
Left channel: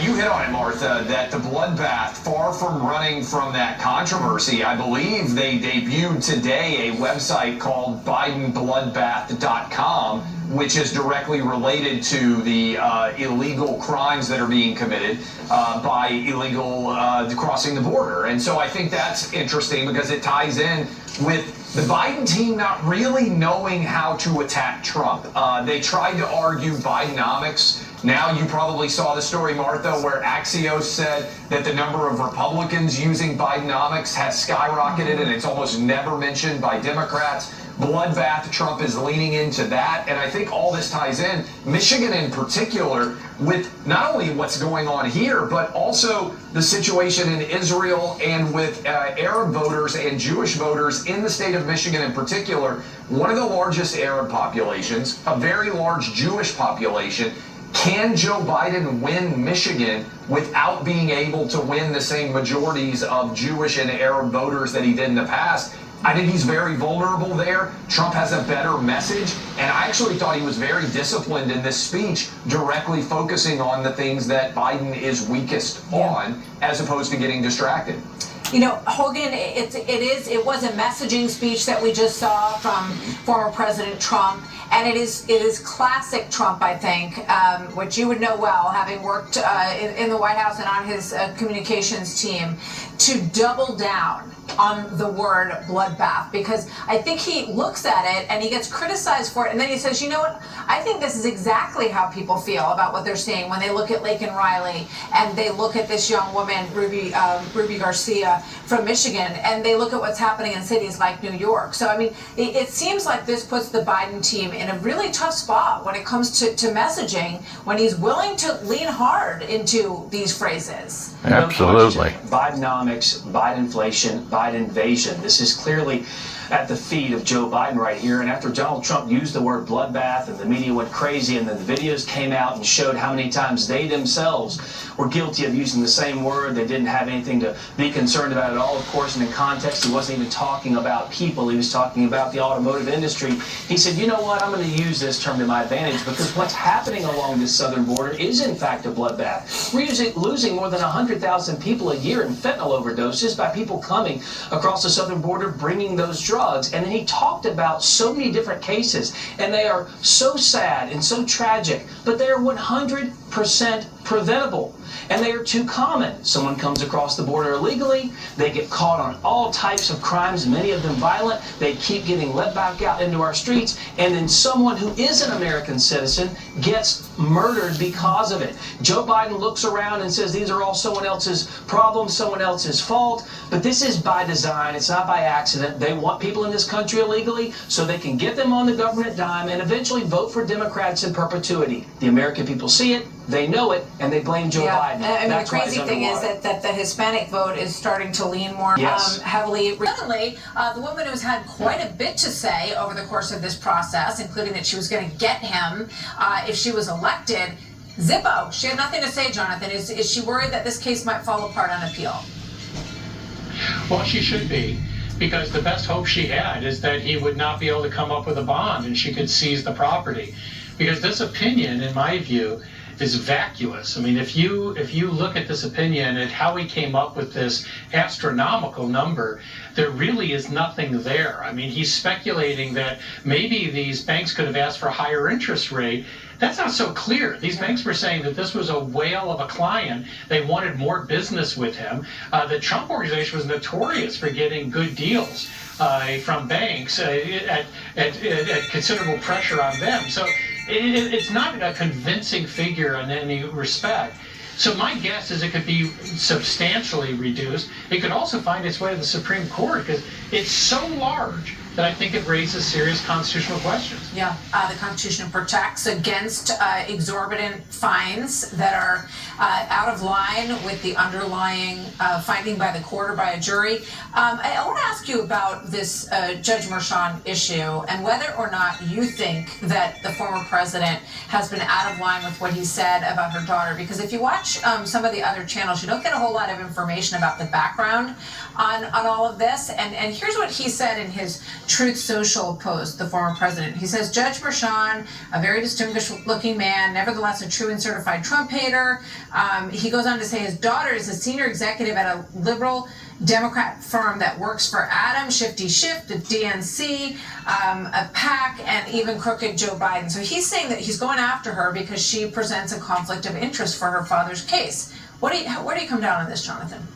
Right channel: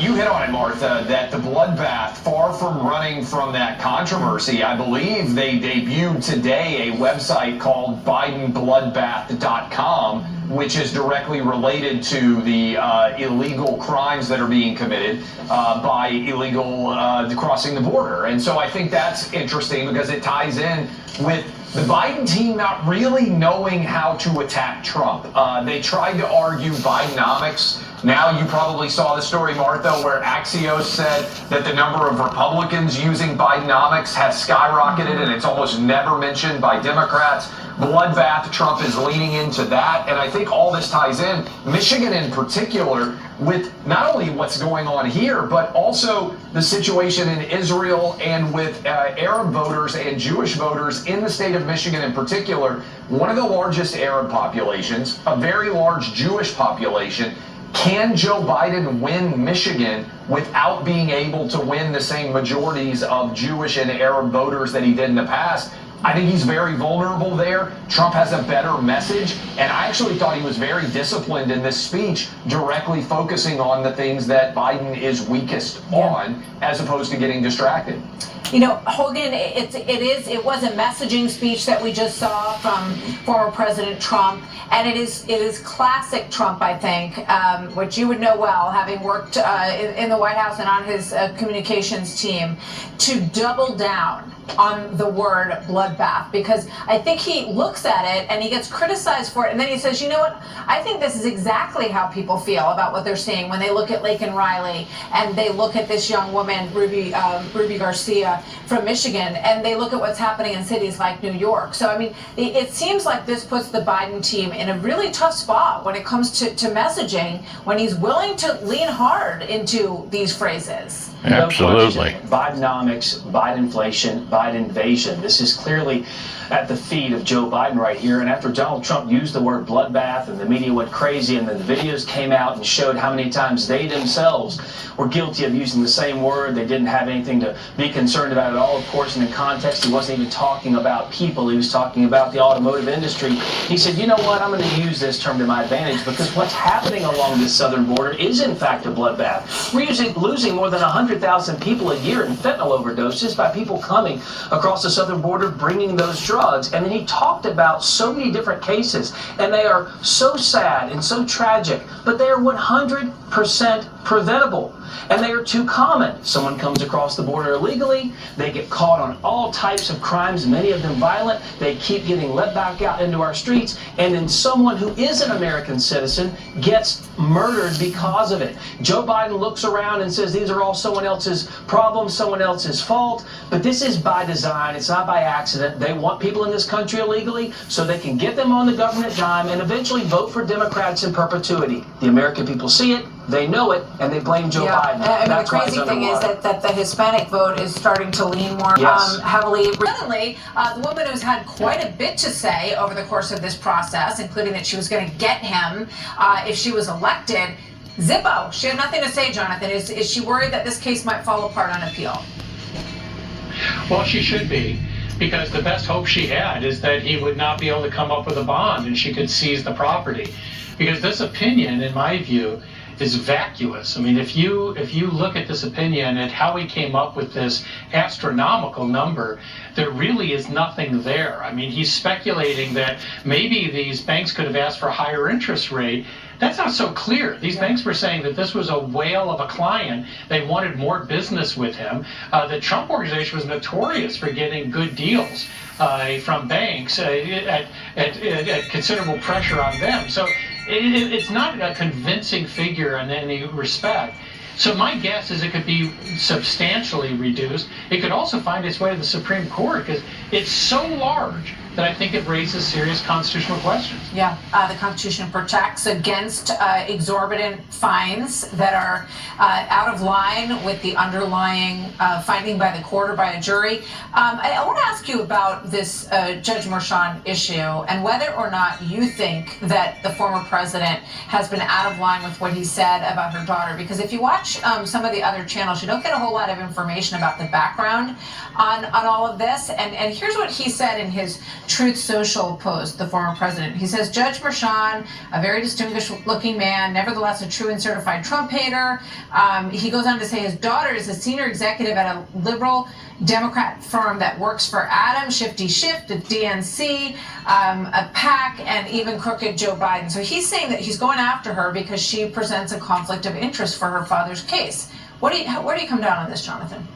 You hit on it, Martha, that the bloodbath, far from running from that controversy, I believe they debuted today a website called BidenBloodbath.com, which is directly related to the illegal crimes that are being committed by illegal crossing the border. And so I think that's interesting because it ties in with the Biden team not really knowing how to attack Trump. They tried to argue Bidenomics. Now you probably saw the story, Martha, where Axios said that the number of Republicans using Bidenomics has skyrocketed and it's almost never mentioned by Democrats. Bloodbath, Trump is leaning into that. And I think all this ties in, Michigan in particular, with not only what's going on here, but also the situation in Israel and with Arab voters and Jewish voters in the state of Michigan in particular. One of the largest Arab populations, a very large Jewish population. Can Joe Biden win Michigan without being able to win the same majorities of Jewish and Arab voters that he did in the past? I think he's very vulnerable there. Trump has a better message, and I actually thought he was very disciplined in this speech, directly focusing on the things that Biden is weakest on, as opposed to getting distracted. Hogan, it was a messaging speech that we just saw from former President Trump, and it is classic Trump, I think, which you would know well, having worked in the White House and on his communications team, to double down on the word bloodbath, because I think he looks at it and he gets criticized for it, and then he says, you know what, I think this is exactly how people feel about what they're seeing when they look at Lincoln Riley and they look at this young woman, Ruby Garcia from Michigan, and they look at what's happening in cities like New York. So, I mean, it seems like this puts the Biden team in a really tough spot when it comes to messaging, when he's willing to lean hard into these phrases. Absolutely. No Bidenomics, Bidenflation, Biden invasion. This is clearly at the feet of Joe Biden right here. And after Donald Trump used the word bloodbath and the media went crazy, and then the videos came out and showed how many times they themselves were guilty of using the same word. They didn't have anything to be concerned about at all, of course, and in context, he wasn't even talking about people. He was talking about the automotive industry. He said, you know what, I'm going to use this term to my advantage because what's happening along this southern border is, in fact, a bloodbath. We're losing more than 100,000 people a year in fentanyl overdoses by people coming across the southern border bringing those drugs. And then he talked about so many different cases, and they are so sad and so tragic, but they are 100% preventable, and they are too common. Someone comes across the border illegally, they get caught on all types of crimes, many of them violent, they keep getting let back out into our streets, and then someone who is an American citizen gets murdered because of it. Joe Biden looks around and says these are all someone else's problems, someone else's fault, but this is by design, it's not by accident. They want people in this country illegally so they can get them on the government dime and eventually vote for Democrats in perpetuity. The American people see it, they know it, and they blame Joe Biden. I mean, That's the why it's crazy thing is underwater. that the Hispanic vote is starting to lean more Yes. heavily. Recently, the woman who's had quite a bit to say over the course of this process, including that she was going to get him if she was elected, Zippo. She had nothing to say, Jonathan. Is she worried that this case might fall apart on appeal? Well, she should be, because the best hope she had is that he would not be able to come up with a bond and she could seize the property. Because this opinion, in my view, is vacuous. I mean, if you look at this opinion and how he came up with this astronomical number, there really is nothing there. I mean, he's speculating that maybe these banks could have asked for a higher interest rate. That's not so clear. These banks were saying that this was a whale of a client. They wanted more business with him. The Trump organization was notorious for getting good deals from banks at considerable pressure on them. So it's not a convincing figure in any respect. So my guess is it could be substantially reduced. It could also find its way to the Supreme Court because it's so large that I think it raises serious constitutional questions. Yeah, the Constitution protects against exorbitant fines that are out of line with the underlying finding by the court or by a jury. I want to ask you about this Judge Merchan issue and whether or not you think that the former president has been out of line with what he said about her daughter. Because if you watch some of the other channels, you don't get a whole lot of information about the background on all of this. And here's what he said in his Truth Social post, the former president. He says, Judge Merchan, a very distinguished looking man, nevertheless a true and certified Trump hater. He goes on to say his daughter is a senior executive at a liberal Democrat firm that works for Adam, Shifty Shift, the DNC, a PAC, and even crooked Joe Biden. So he's saying that he's going after her because she presents a conflict of interest for her father's case. Where do you come down on this, Jonathan?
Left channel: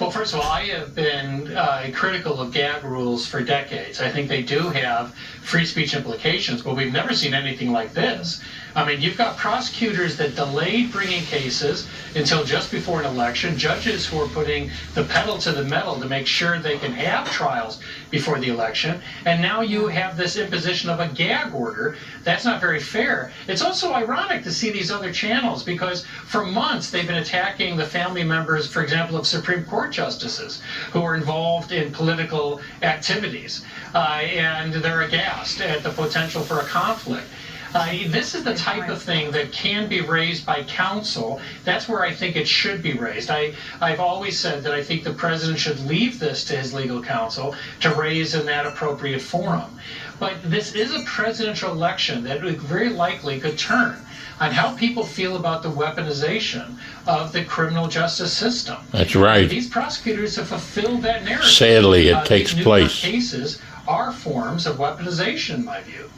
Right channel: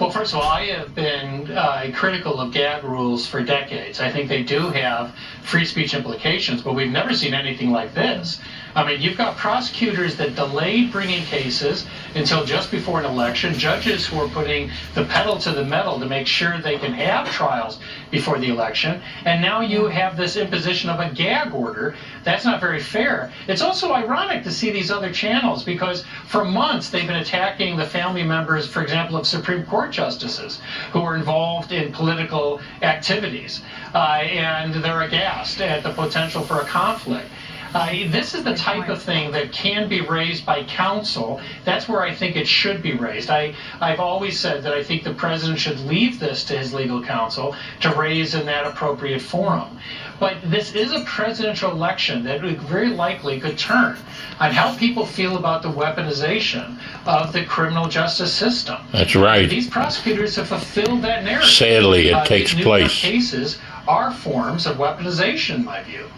Well, first of all, I have been critical of gag rules for decades. I think they do have free speech implications, but we've never seen anything like this. I mean, you've got prosecutors that delayed bringing cases until just before an election, judges who are putting the pedal to the metal to make sure they can have trials before the election, and now you have this imposition of a gag order. That's not very fair. It's also ironic to see these other channels because for months they've been attacking the family members, for example, of Supreme Court justices who are involved in political activities, and they're aghast at the potential for a conflict. This is the type of thing that can be raised by counsel. That's where I think it should be raised. I've always said that I think the president should leave this to his legal counsel to raise in that appropriate forum. But this is a presidential election that very likely could turn on how people feel about the weaponization of the criminal justice system. That's right. These prosecutors have fulfilled that narrative. Sadly, it takes these place. Cases are forms of weaponization, in my view.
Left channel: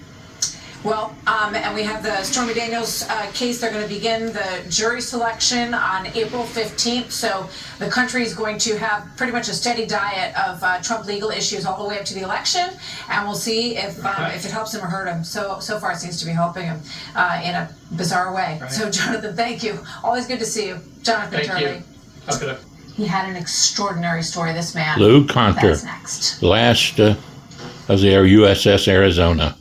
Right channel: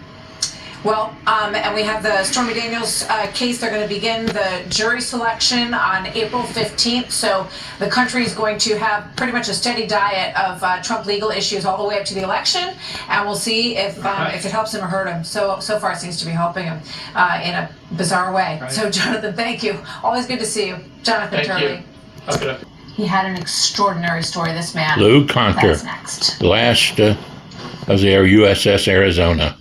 Well, and we have the Stormy Daniels case. They're going to begin the jury selection on April 15th. So the country is going to have pretty much a steady diet of Trump legal issues all the way up to the election. And we'll see if it helps him or hurt him. So far, it seems to be helping him in a bizarre way. Right. So, Jonathan, thank you. Always good to see you. Jonathan Turley. Okay. He had an extraordinary story, this man. Lou Conter. That's next. Last of the USS Arizona.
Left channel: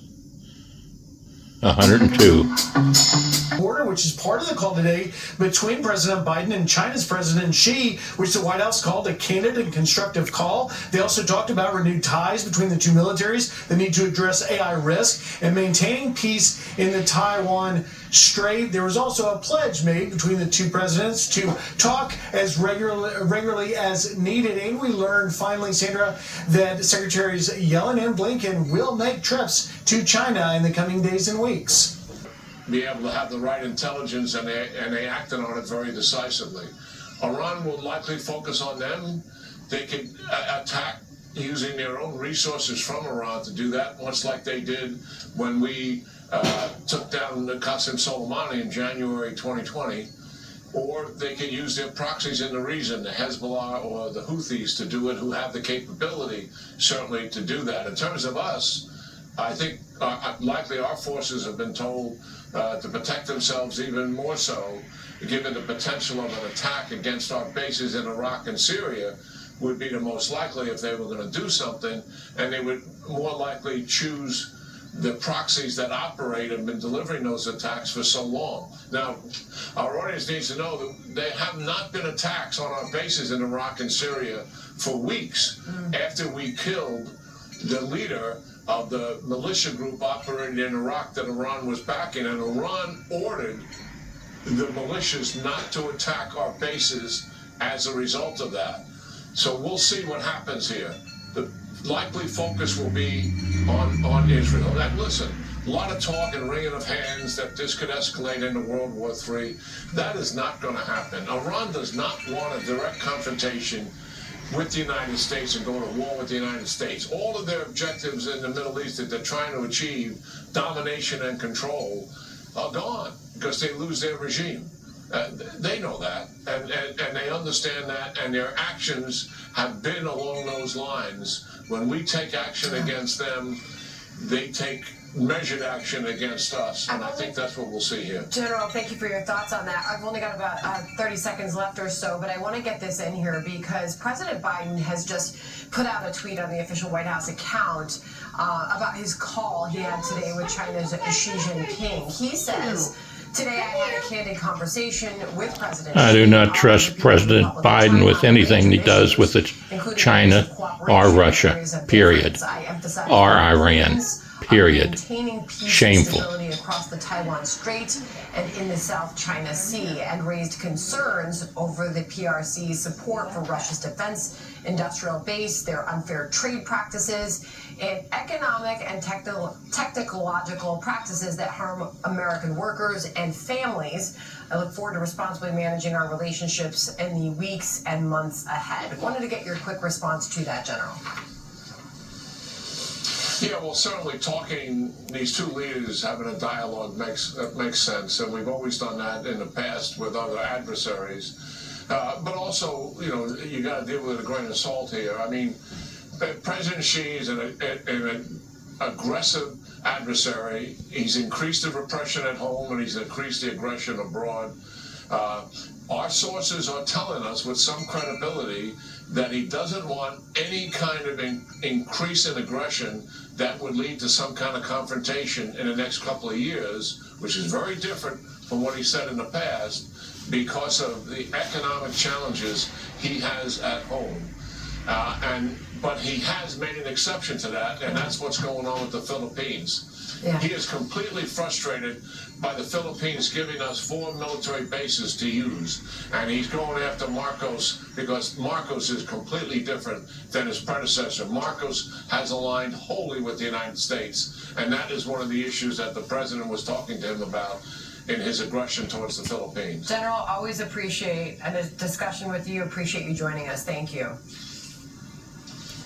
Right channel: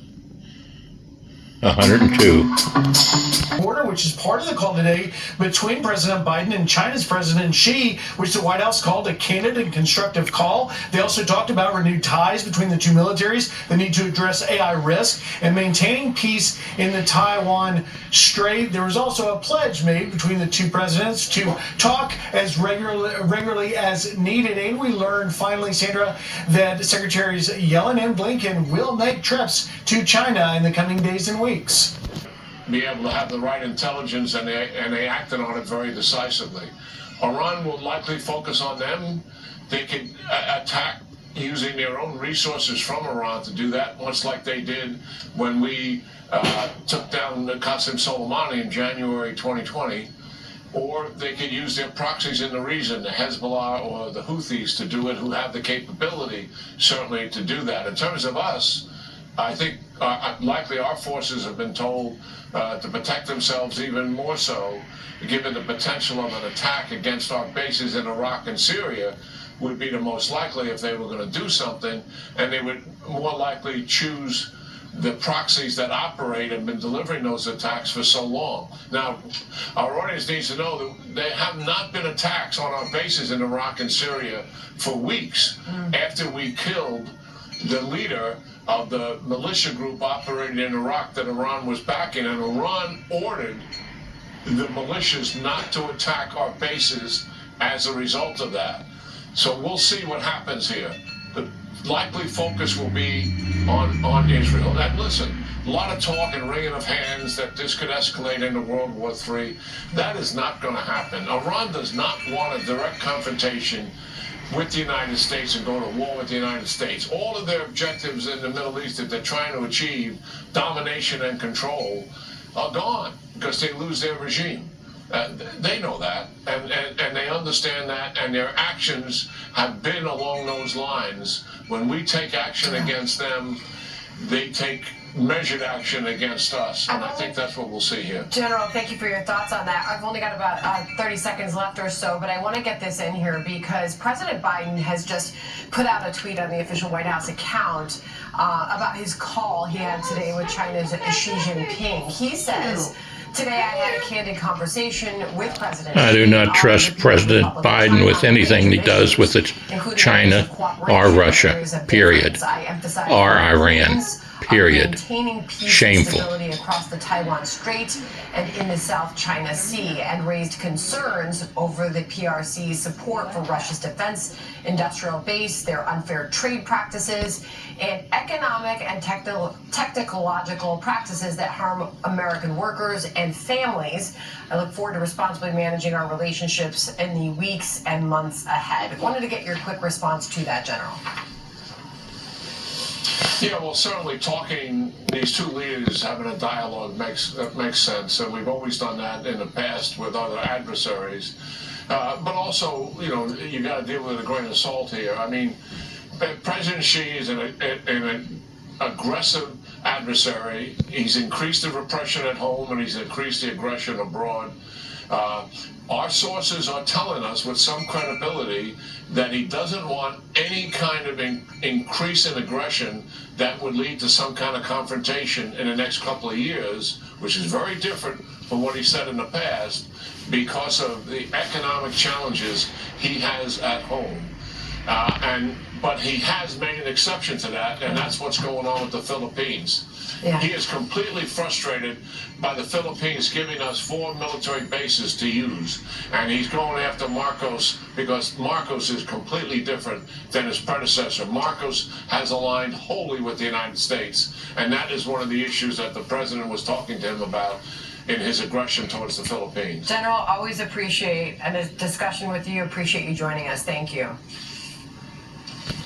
102. Border, which is part of the call today between President Biden and China's President Xi, which the White House called a candid and constructive call. They also talked about renewed ties between the two militaries, the need to address AI risk, and maintaining peace in the Taiwan Strait. There was also a pledge made between the two presidents to talk as regularly as needed. And we learned finally, Sandra, that Secretaries Yellen and Blinken will make trips to China in the coming days and weeks. Be able to have the right intelligence, and they acted on it very decisively. Iran will likely focus on them. They could attack using their own resources from Iran to do that, much like they did when we took down Qasem Soleimani in January 2020. Or they could use their proxies in the region, the Hezbollah or the Houthis, to do it, who have the capability, certainly, to do that. In terms of us, I think likely our forces have been told to protect themselves even more so, given the potential of an attack against our bases in Iraq and Syria would be the most likely if they were going to do something, and they would more likely choose the proxies that operate and been delivering those attacks for so long. Now, our audience needs to know that there have not been attacks on our bases in Iraq and Syria for weeks after we killed the leader of the militia group operating in Iraq that Iran was backing, and Iran ordered the militias not to attack our bases as a result of that. So we'll see what happens here. The likely focus will be on Israel. And listen, a lot of talk and wringing of hands that this could escalate into World War III. That is not going to happen. Iran does not want a direct confrontation with the United States and go to war with the United States. All of their objectives in the Middle East that they're trying to achieve, domination and control, are gone because they lose their regime. They know that, and they understand that, and their actions have been along those lines. When we take action against them, they take measured action against us, and I think that's what we'll see here. General, thank you for your thoughts on that. I've only got about 30 seconds left or so, but I want to get this in here because President Biden has just put out a tweet on the official White House account about his call he had today with China's Xi Jinping. He says, "Today I had a candid conversation with President I do not trust President Biden with anything he does with China or Russia, period, or Iran, period. Maintaining peace Shameful." and stability across the Taiwan Strait and in the South China Sea, and raised concerns over the PRC's support for Russia's defense industrial base, their unfair trade practices, and economic and technological practices that harm American workers and families. I look forward to responsibly managing our relationships in the weeks and months ahead. Wanted to get your quick response to that, General. Yeah, well, certainly talking, these two leaders having a dialogue makes sense, and we've always done that in the past with other adversaries. But also, you know, you got to deal with a grain of salt here. I mean, President Xi is an aggressive adversary. He's increased the repression at home, and he's increased the aggression abroad. Our sources are telling us with some credibility that he doesn't want any kind of increase in aggression that would lead to some kind of confrontation in the next couple of years, which is very different from what he said in the past because of the economic challenges he has at home. But he has made an exception to that, and that's what's going on with the Philippines. Yeah. He is completely frustrated by the Philippines giving us 4 military bases to use. And he's going after Marcos because Marcos is completely different than his predecessor. Marcos has aligned wholly with the United States. And that is one of the issues that the president was talking to him about in his aggression towards the Philippines. General, always appreciate a discussion with you. Appreciate you joining us. Thank you.